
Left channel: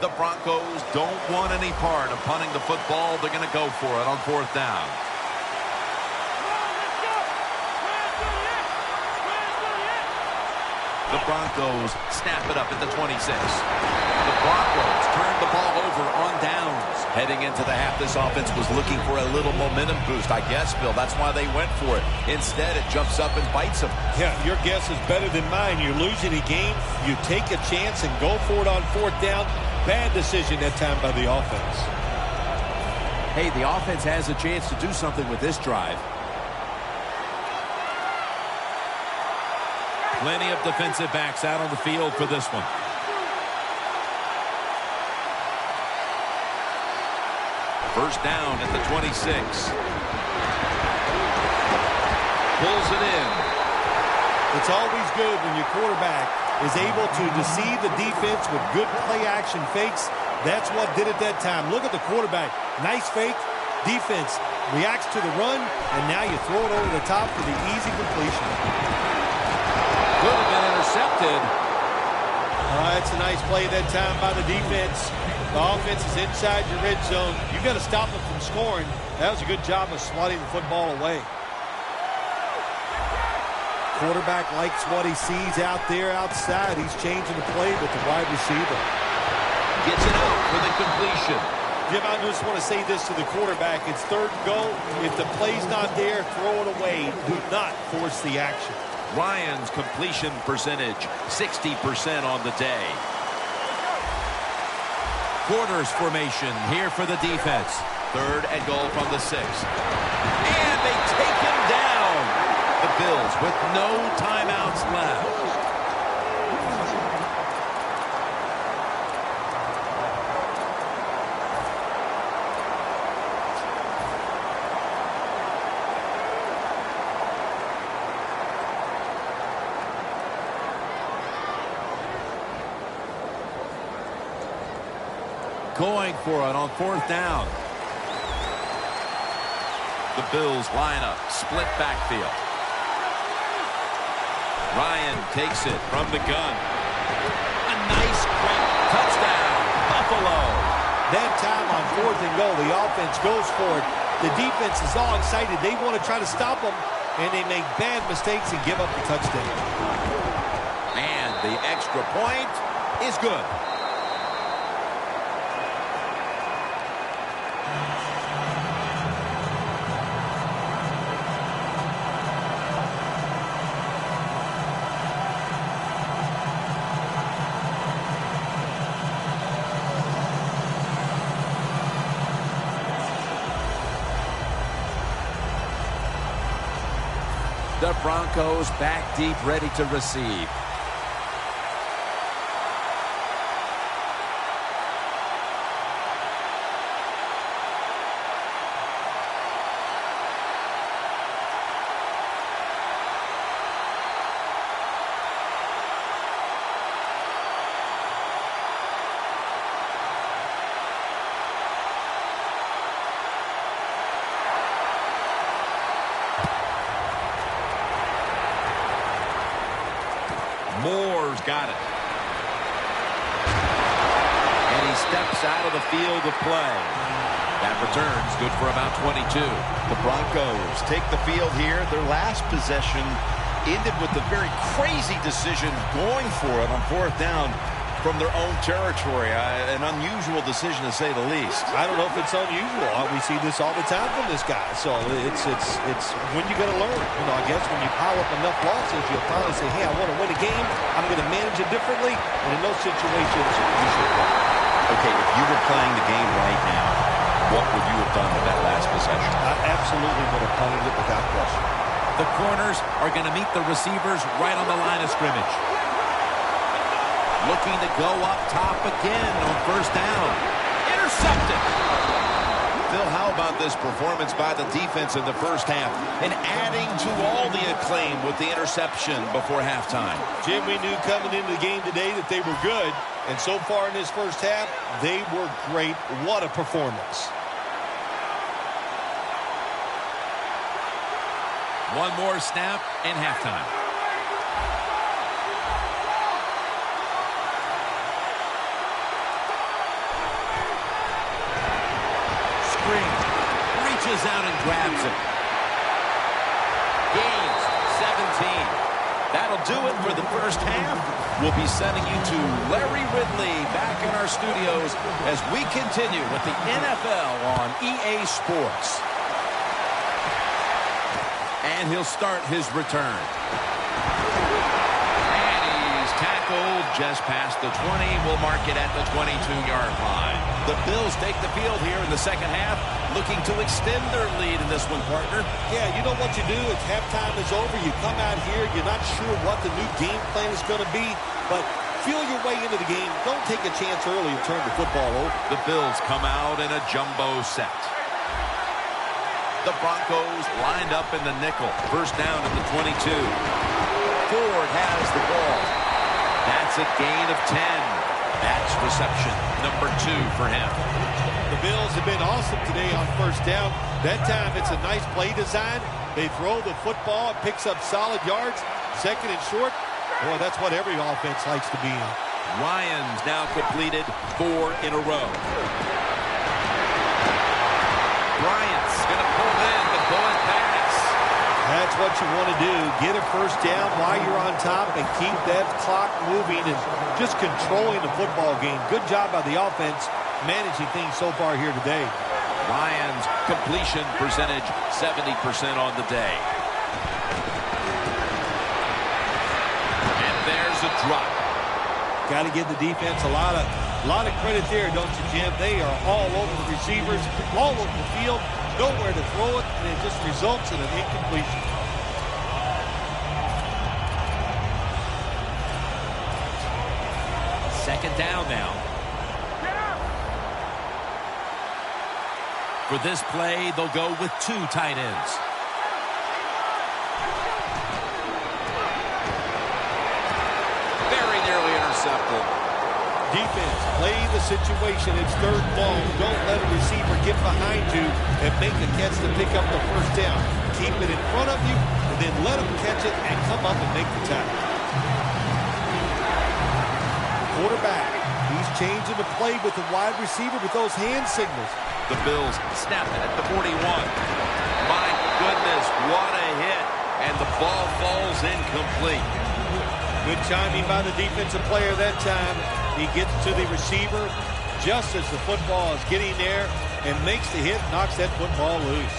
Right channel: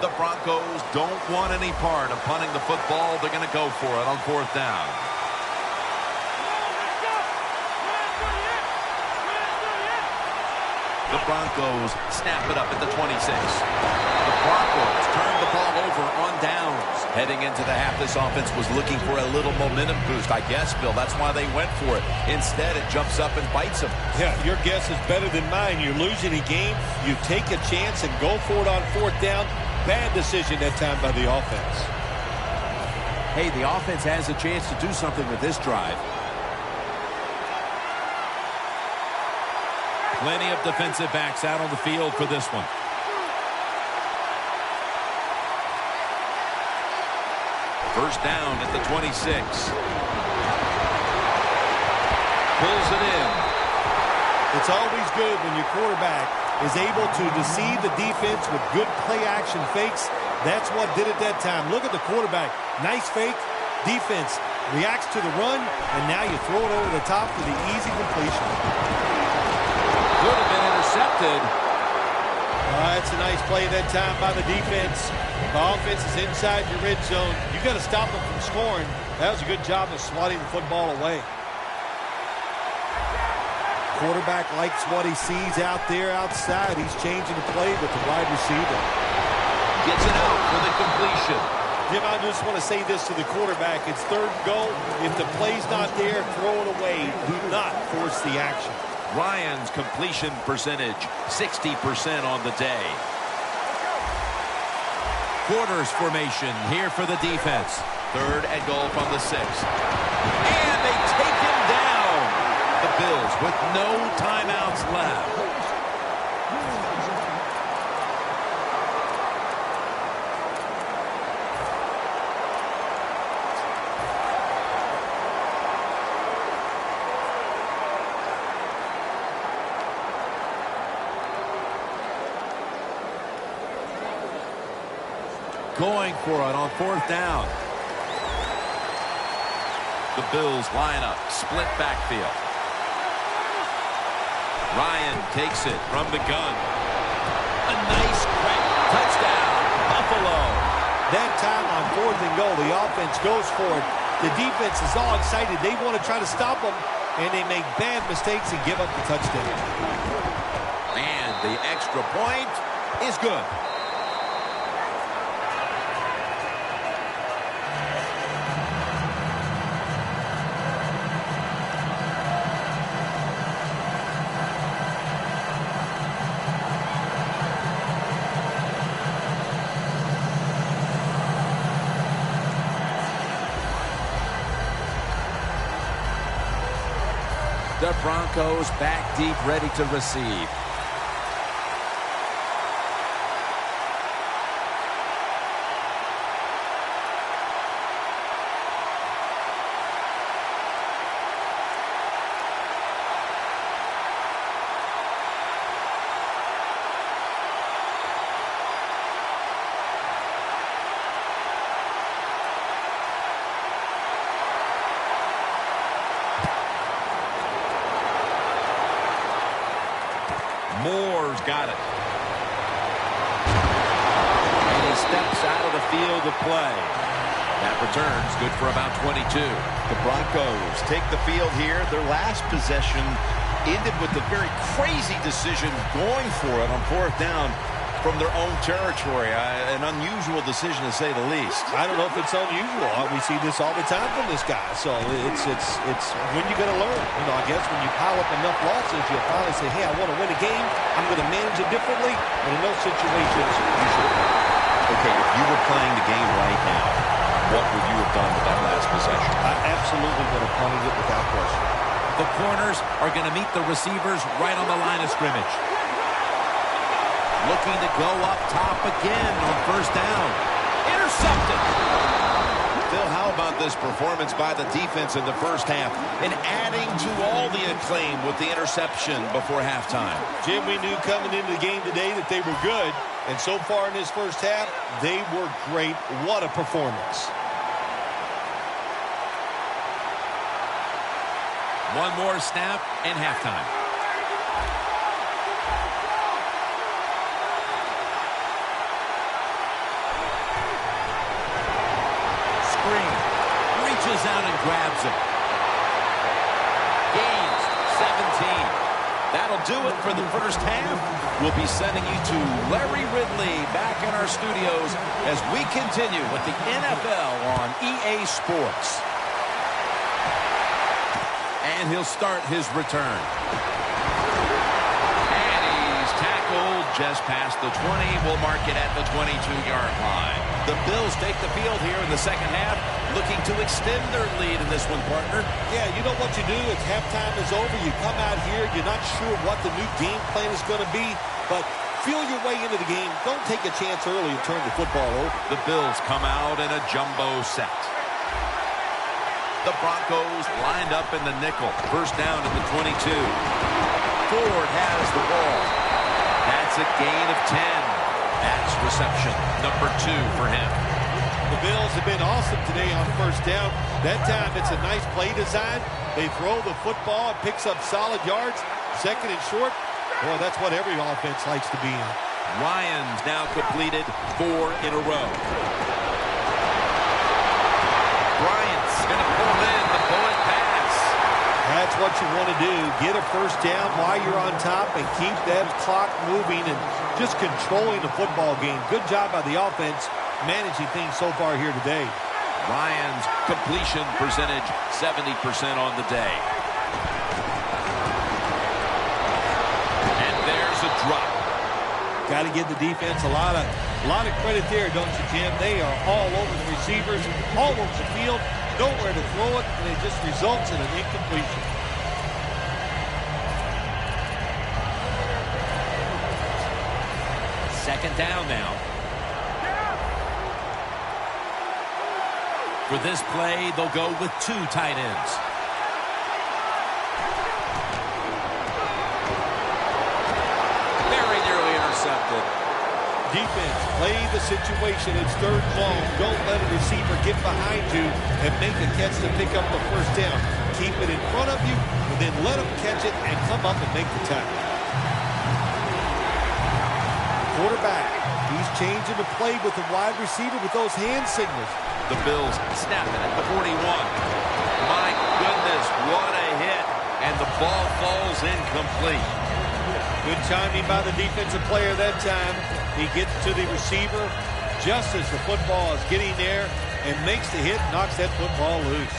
The Broncos don't want any part of punting the football. They're going to go for it on 4th down. The Broncos snap it up at the 26. The Broncos turn the ball over on downs. Heading into the half, this offense was looking for a little momentum boost. I guess, Bill, that's why they went for it. Instead, it jumps up and bites them. Yeah, your guess is better than mine. You're losing a game. You take a chance and go for it on 4th down. Bad decision that time by the offense. Hey, the offense has a chance to do something with this drive. Plenty of defensive backs out on the field for this one. First down at the 26. Pulls it in. It's always good when your quarterback is able to deceive the defense with good play-action fakes. That's what did it that time. Look at the quarterback. Nice fake. Defense reacts to the run, and now you throw it over the top for the easy completion. Could have been intercepted. That's a nice play that time by the defense. The offense is inside your red zone. You got to stop them from scoring. That was a good job of swatting the football away. Quarterback likes what he sees out there outside. He's changing the play with the wide receiver. Gets it out for the completion. Jim, I just want to say this to the quarterback. It's 3rd and goal. If the play's not there, throw it away. Do not force the action. Ryan's completion percentage, 60% on the day. Quarters formation here for the defense. 3rd and goal from the 6. And they take him down. The Bills with no timeouts left. Going for it on 4th down. The Bills line up, split backfield. Ryan takes it from the gun. A nice crank touchdown, Buffalo. That time on 4th and goal, the offense goes for it. The defense is all excited. They want to try to stop them, and they make bad mistakes and give up the touchdown. And the extra point is good. The Broncos back deep, ready to receive. Moore's got it. And he steps out of the field of play. That return's good for about 22. The Broncos take the field here. Their last possession ended with a very crazy decision going for it on 4th down from their own territory. An unusual decision, to say the least. I don't know if it's unusual. We see this all the time from this guy. So it's when you're going to learn. You know, I guess when you pile up enough losses, you'll finally say, hey, I want to win a game. I'm going to manage it differently. And in those situations, you should win. Okay, if you were playing the game right now, what would you have done with that last possession? I absolutely would have punted it without question. The corners are going to meet the receivers right on the line of scrimmage. Looking to go up top again on first down. Intercepted. Phil, how about this performance by the defense in the first half and adding to all the acclaim with the interception before halftime? Jim, we knew coming into the game today that they were good, and so far in this first half, they were great. What a performance. One more snap and halftime. Reaches out and grabs it. Gains 17. That'll do it for the first half. We'll be sending you to Larry Ridley back in our studios as we continue with the NFL on EA Sports. And he'll start his return. And he's tackled just past the 20. We'll mark it at the 22-yard line. The Bills take the field here in the second half, looking to extend their lead in this one, partner. Yeah, you know what you do? It's halftime is over. You come out here, you're not sure what the new game plan is going to be, but feel your way into the game. Don't take a chance early and turn the football over. The Bills come out in a jumbo set. The Broncos lined up in the nickel. First down at the 22. Ford has the ball. That's a gain of 10. That's reception number 2 for him. The Bills have been awesome today on first down. That time it's a nice play design. They throw the football. It picks up solid yards. Second and short. Boy, that's what every offense likes to be in. Ryan's now completed 4 in a row. Bryant's going to pull in the bullet pass. That's what you want to do. Get a first down while you're on top and keep that clock moving and just controlling the football game. Good job by the offense managing things so far here today. Ryan's completion percentage 70% on the day. And there's a drop. Got to give the defense a lot of credit there, don't you, Jim? They are all over the receivers, all over the field, nowhere to throw it, and it just results in an incompletion. Second down now. For this play, they'll go with 2 tight ends. Very nearly intercepted. Defense, play the situation. It's third and long. Don't let a receiver get behind you and make a catch to pick up the first down. Keep it in front of you, and then let them catch it and come up and make the tackle. Quarterback, he's changing the play with the wide receiver with those hand signals. The Bills snap it at the 41. My goodness, what a hit. And the ball falls incomplete. Good timing by the defensive player that time. He gets to the receiver just as the football is getting there and makes the hit, knocks that football loose.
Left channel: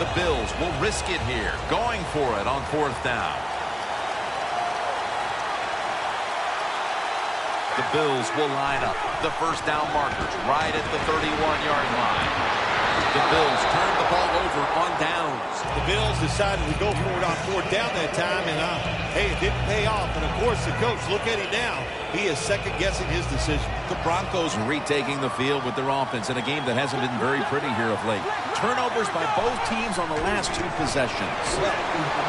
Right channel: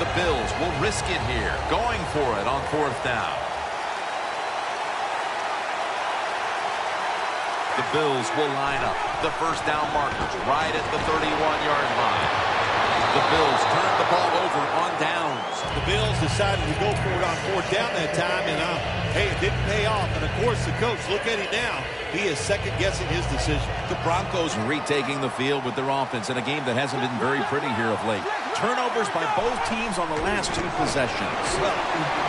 The Bills will risk it here, going for it on fourth down. The Bills will line up the first down markers right at the 31-yard line. The Bills turned the ball over on downs. The Bills decided to go for it on fourth down that time, and hey, it didn't pay off. And, of course, the coach, look at him now. He is second-guessing his decision. The Broncos retaking the field with their offense in a game that hasn't been very pretty here of late. Turnovers by both teams on the last 2 possessions. Well,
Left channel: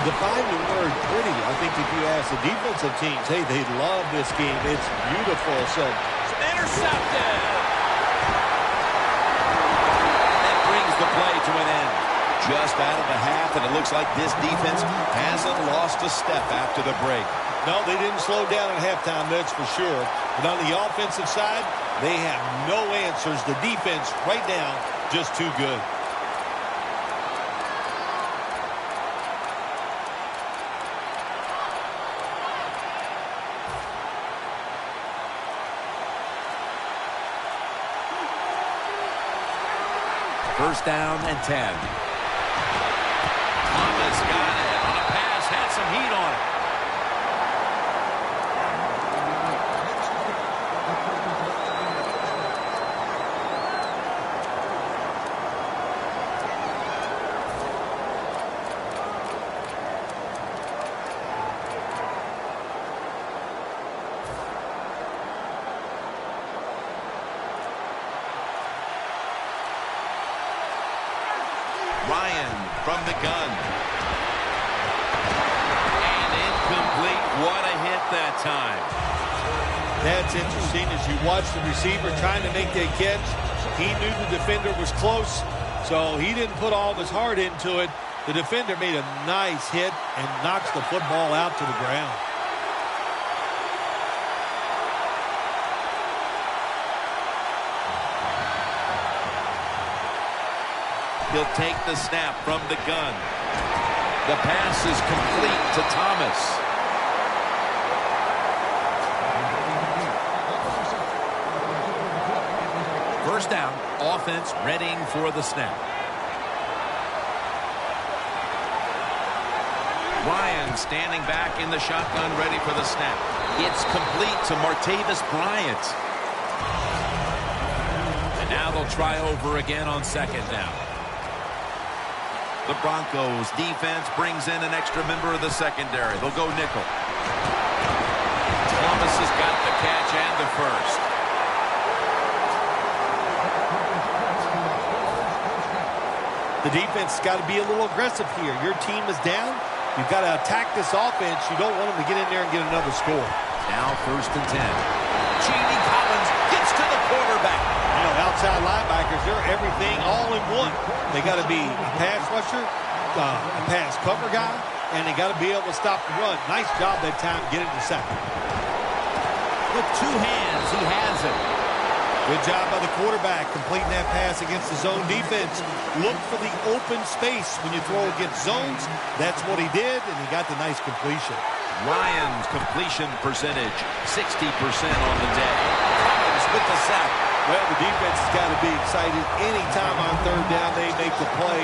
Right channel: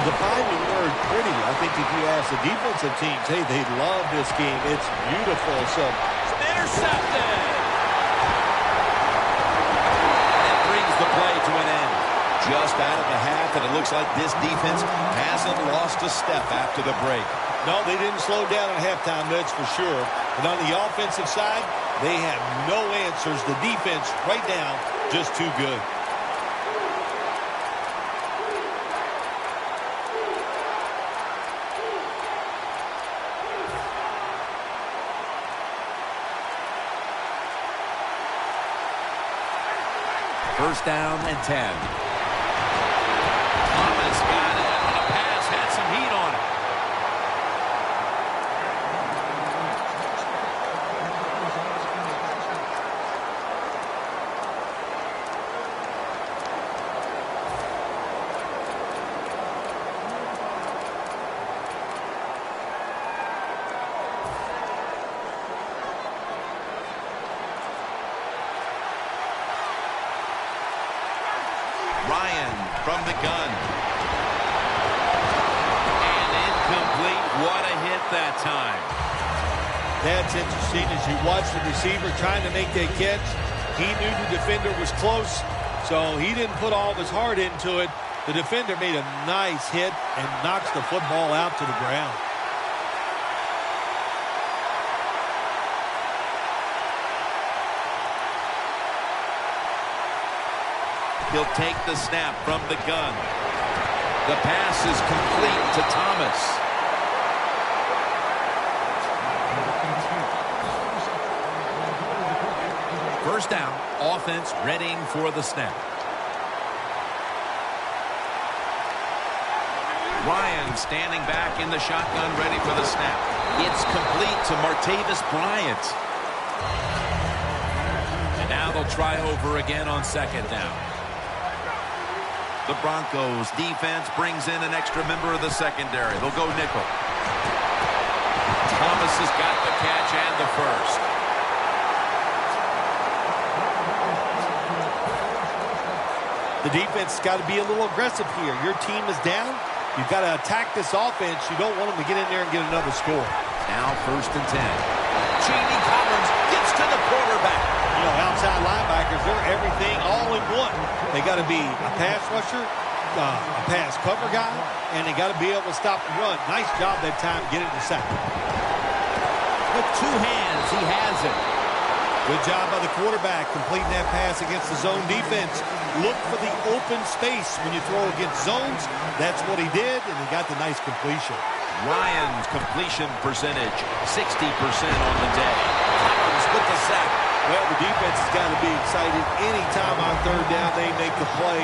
define the word pretty. I think if you ask the defensive teams, hey, they love this game. It's beautiful. So, intercepted. That brings the play to an end. Just out of the half, and it looks like this defense hasn't lost a step after the break. No, they didn't slow down at halftime, that's for sure. But on the offensive side, they have no answers. The defense right now, just too good. First down and 10. Thomas got it on a pass, had some heat on it. Ryan from the gun. And incomplete. What a hit that time. That's interesting. As you watch the receiver trying to make that catch, he knew the defender was close, so he didn't put all of his heart into it. The defender made a nice hit and knocks the football out to the ground. He'll take the snap from the gun. The pass is complete to Thomas. First down, offense readying for the snap. Ryan standing back in the shotgun, ready for the snap. It's complete to Martavis Bryant. And now they'll try over again on second down. The Broncos defense brings in an extra member of the secondary. They'll go nickel. Thomas has got the catch and the first. The defense has got to be a little aggressive here. Your team is down. You've got to attack this offense. You don't want them to get in there and get another score. Now first and 10. Genie Collins gets to the quarterback. You know, outside linebackers, they're everything all in one. They got to be a pass rusher, a pass cover guy, and they got to be able to stop the run. Nice job that time getting the sack. With two hands, he has it. Good job by the quarterback completing that pass against the zone defense. Look for the open space when you throw against zones. That's what he did, and he got the nice completion. Ryan's completion percentage, 60% on the day. Collins with the sack. Well, the defense has got to be excited. Anytime on third down they make the play,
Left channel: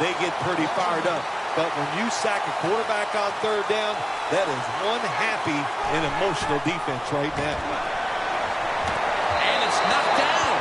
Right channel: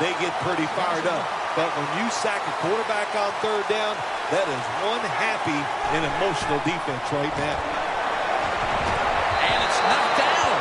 they get pretty fired up. But when you sack a quarterback on third down, that is one happy and emotional defense right now. And it's knocked down.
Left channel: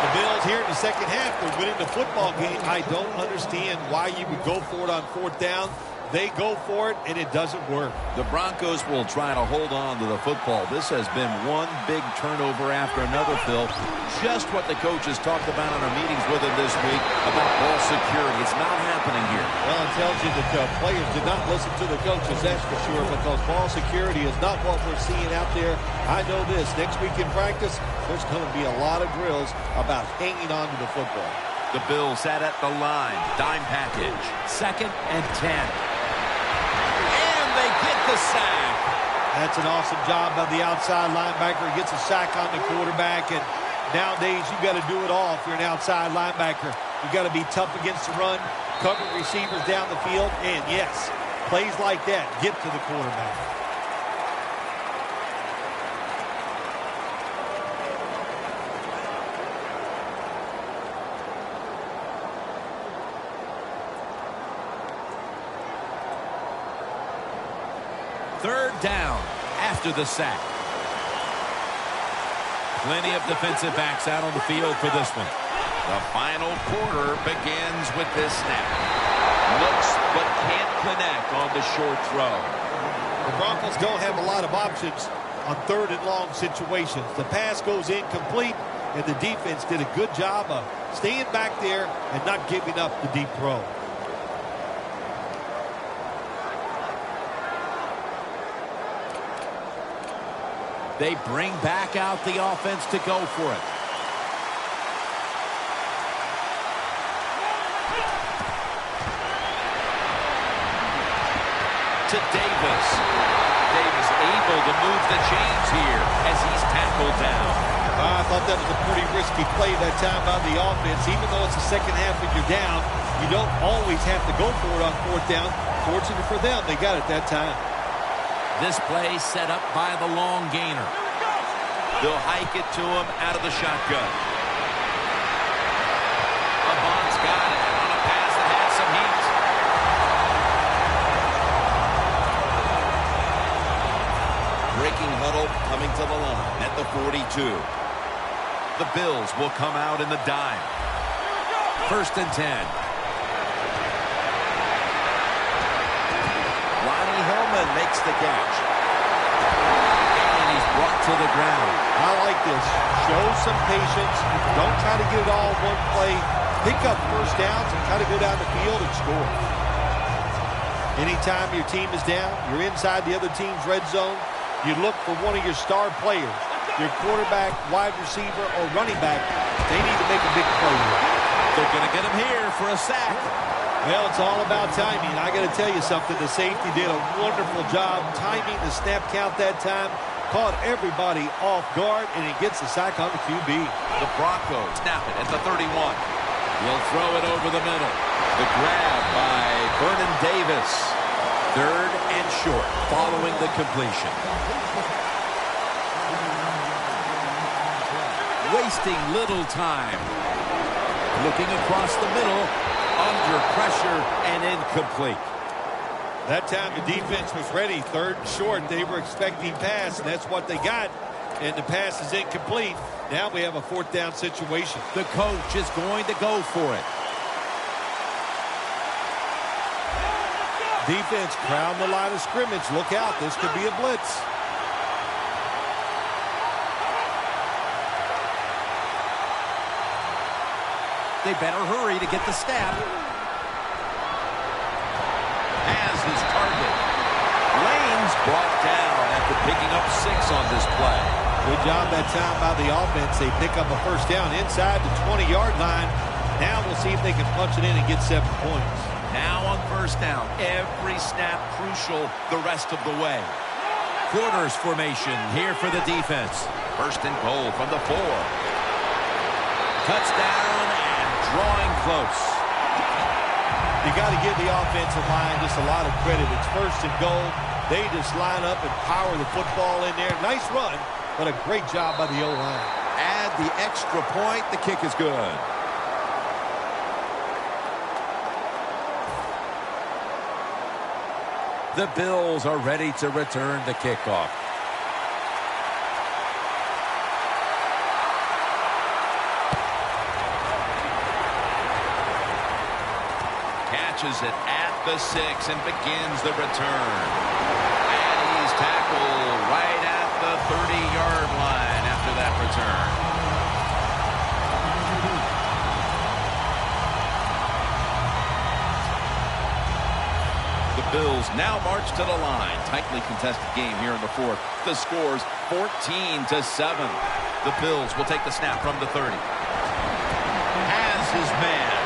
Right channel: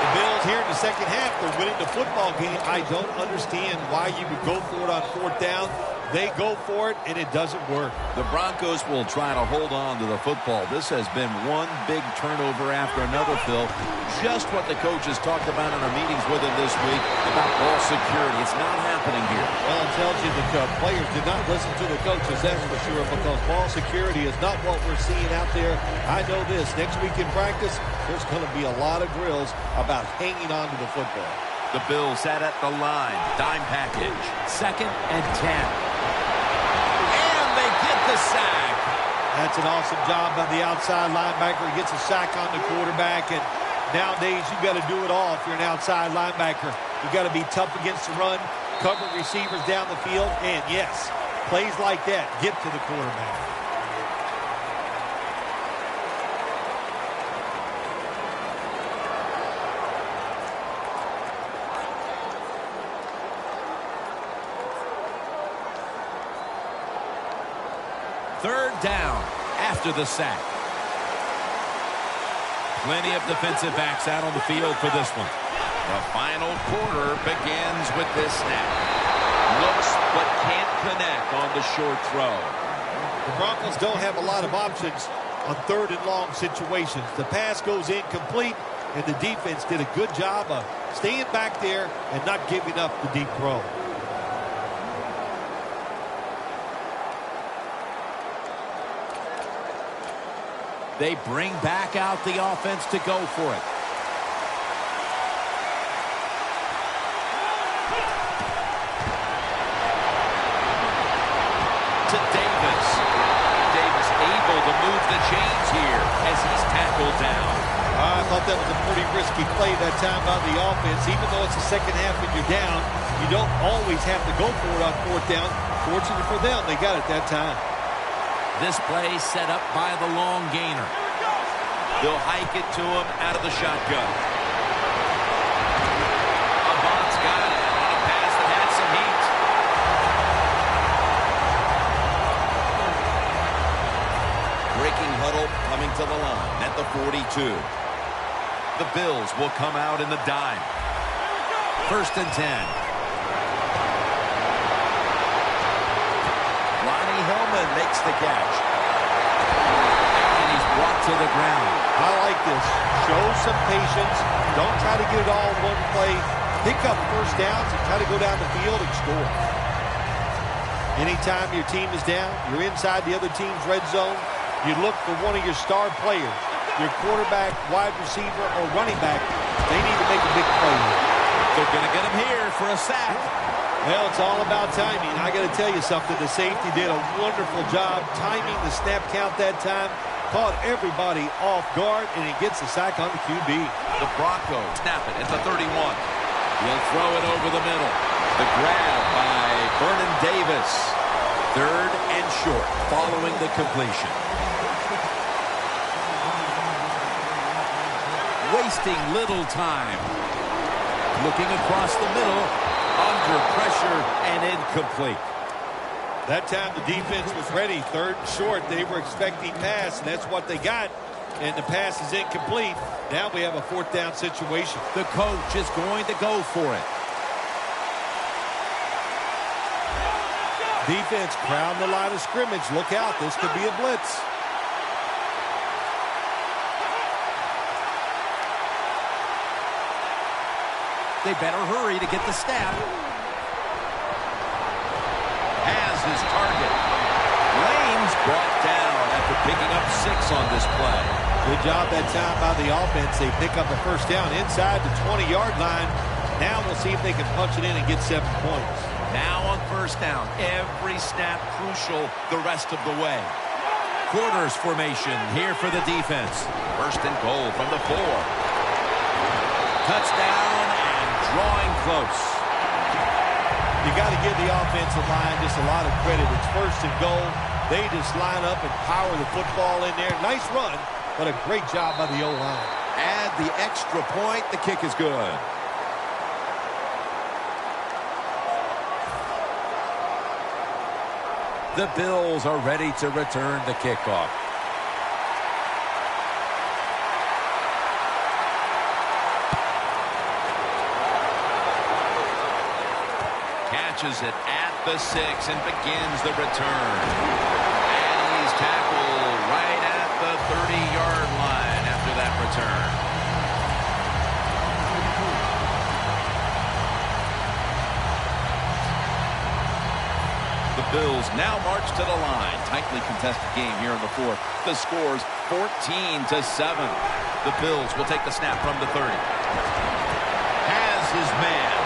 The Bills here in the second half, they're winning the football game. I don't understand why you would go for it on fourth down. They go for it, and it doesn't work. The Broncos will try to hold on to the football. This has been one big turnover after another, Phil. Just what the coaches talked about in our meetings with him this week about ball security. It's not happening here. Well, it tells you that players did not listen to the coaches, that's for sure, because ball security is not what we're seeing out there. I know this. Next week in practice, there's going to be a lot of drills about hanging on to the football. The Bills sat at the line. Dime package. 2nd and 10. They get the sack. That's an awesome job by the outside linebacker. He gets a sack on the quarterback, and nowadays you got to do it all if you're an outside linebacker. You got to be tough against the run, cover receivers down the field, and yes, plays like that get to the quarterback. Third down after the sack. Plenty of defensive backs out on the field for this one. The final quarter begins with this snap. Looks but can't connect on the short throw. The Broncos don't have a lot of options on third and long situations. The pass goes incomplete, and the defense did a good job of staying back there and not giving up the deep throw. They bring back out the offense to go for it. To Davis. Davis able to move the chains here as he's tackled down. I thought that was a pretty risky play that time by the offense. Even though it's the second half and you're down, you don't always have to go for it on fourth down. Fortunately for them, they got it that time. This play set up by the long gainer. They'll hike it to him out of the shotgun. Avant's got it on a pass that had some heat. Breaking huddle coming to the line at the 42. The Bills will come out in the dime. 1st and 10. Lonnie Hillman makes the catch. And he's brought to the ground. I like this. Show some patience. Don't try to get it all in one play. pick up first downs and try to go down the field and score. Anytime your team is down, you're inside the other team's red zone, you look for one of your star players, your quarterback, wide receiver, or running back. They need to make a big play here. They're going to get him here for a sack. Well, it's all about timing. I got to tell you something. The safety did a wonderful job timing the snap count that time. Caught everybody off guard, and he gets the sack on the QB. The Broncos snap it at the 31. He'll throw it over the middle. The grab by Vernon Davis. 3rd and short following the completion. Wasting little time. Looking across the middle. Under pressure and incomplete. That time the defense was ready. 3rd and short. They were expecting pass, and that's what they got. And the pass is incomplete. Now we have a 4th down situation. The coach is going to go for it. Defense crowd the line of scrimmage. Look out. This could be a blitz. They better hurry to get the snap. Has his target. Lane's brought down after picking up 6 on this play. Good job that time by the offense. They pick up a first down inside the 20-yard line. Now we'll see if they can punch it in and get 7 points. Now on first down. Every snap crucial the rest of the way. Quarters formation here for the defense. 1st and goal from the 4. Touchdown and drawing close. You got to give the offensive line just a lot of credit. It's 1st and goal. They just line up and power the football in there. Nice run, but a great job by the O-line. Add the extra point. The kick is good. The Bills are ready to return the kickoff. Catches it at the 6 and begins the return. And he's tackled right at the 30-yard line after that return. The Bills now march to the line. Tightly contested game here in the 4th. The score's 14-7. The Bills will take the snap from the 30. Has his man.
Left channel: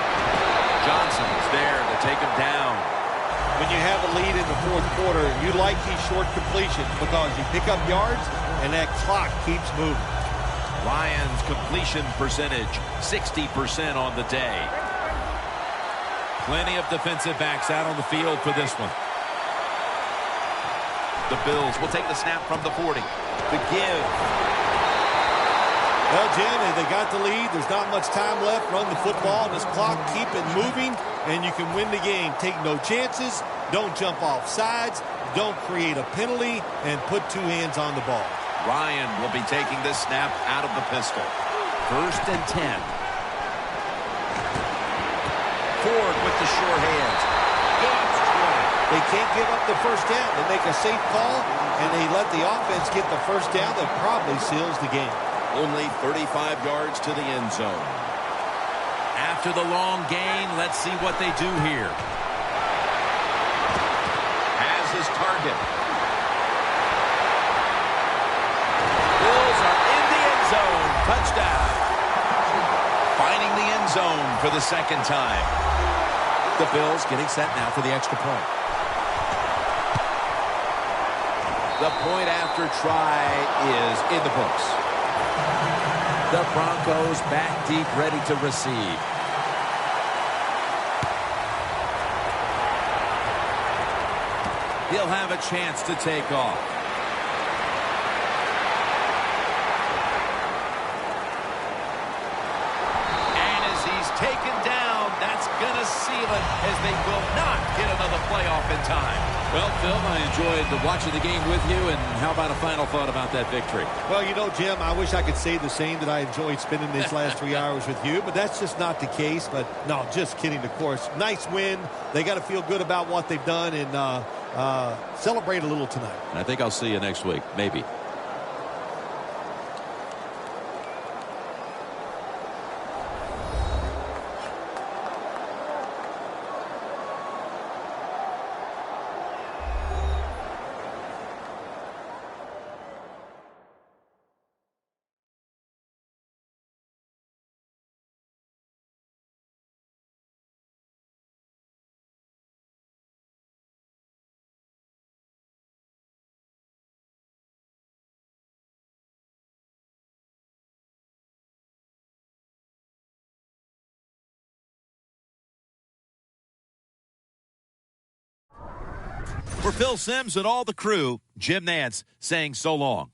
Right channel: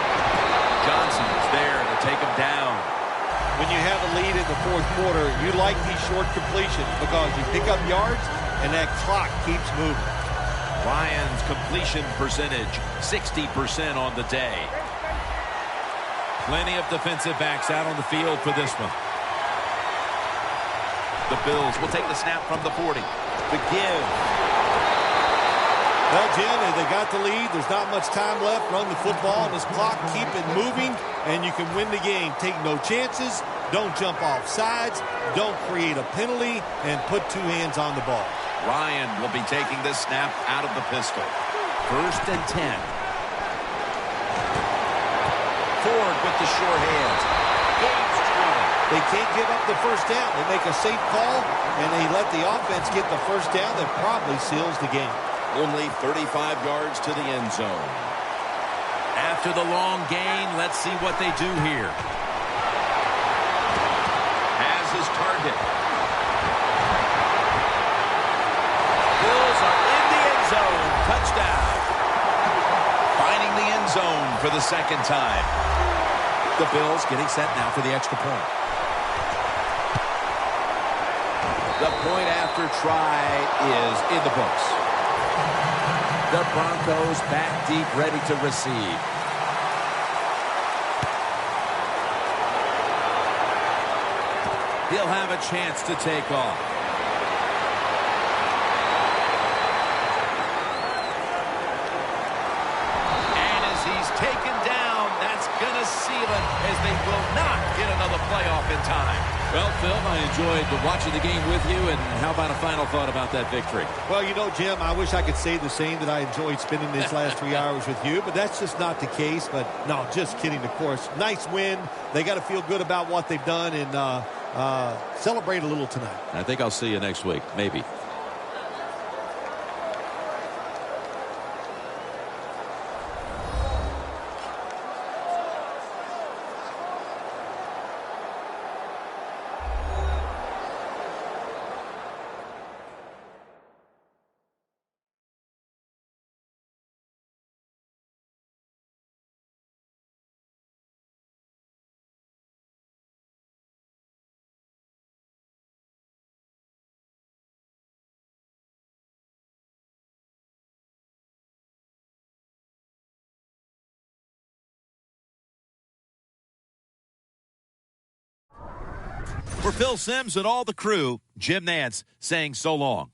Johnson's there to take him down. When you have a lead in the 4th quarter, you like these short completions because you pick up yards and that clock keeps moving. Ryan's completion percentage, 60% on the day. Plenty of defensive backs out on the field for this one. The Bills will take the snap from the 40. The give. Well, Jim, they got the lead. There's not much time left. Run the football, and this clock keep it moving, and you can win the game. Take no chances. Don't jump off sides. Don't create a penalty, and put 2 hands on the ball. Ryan will be taking this snap out of the pistol. 1st and 10. Ford with the short hands. Gains 20. They can't give up the first down. They make a safe call, and they let the offense get the first down. That probably seals the game. Only 35 yards to the end zone. After the long gain, let's see what they do here. Has his target. Bills are in the end zone. Touchdown. Finding the end zone for the 2nd time. The Bills getting set now for the extra point. The point after try is in the books. The Broncos back deep, ready to receive. He'll have a chance to take off. And as he's taken down, that's going to seal it, as they will not get another playoff in time. Well, Phil, I enjoyed watching the game with you, and how about a final thought about that victory? Well, you know, Jim, I wish I could say the same, that I enjoyed spending these last 3 hours with you, but that's just not the case. But, no, just kidding, of course. Nice win. They got to feel good about what they've done and celebrate a little tonight. I think I'll see you next week, maybe. For Phil Simms and all the crew, Jim Nantz saying so long.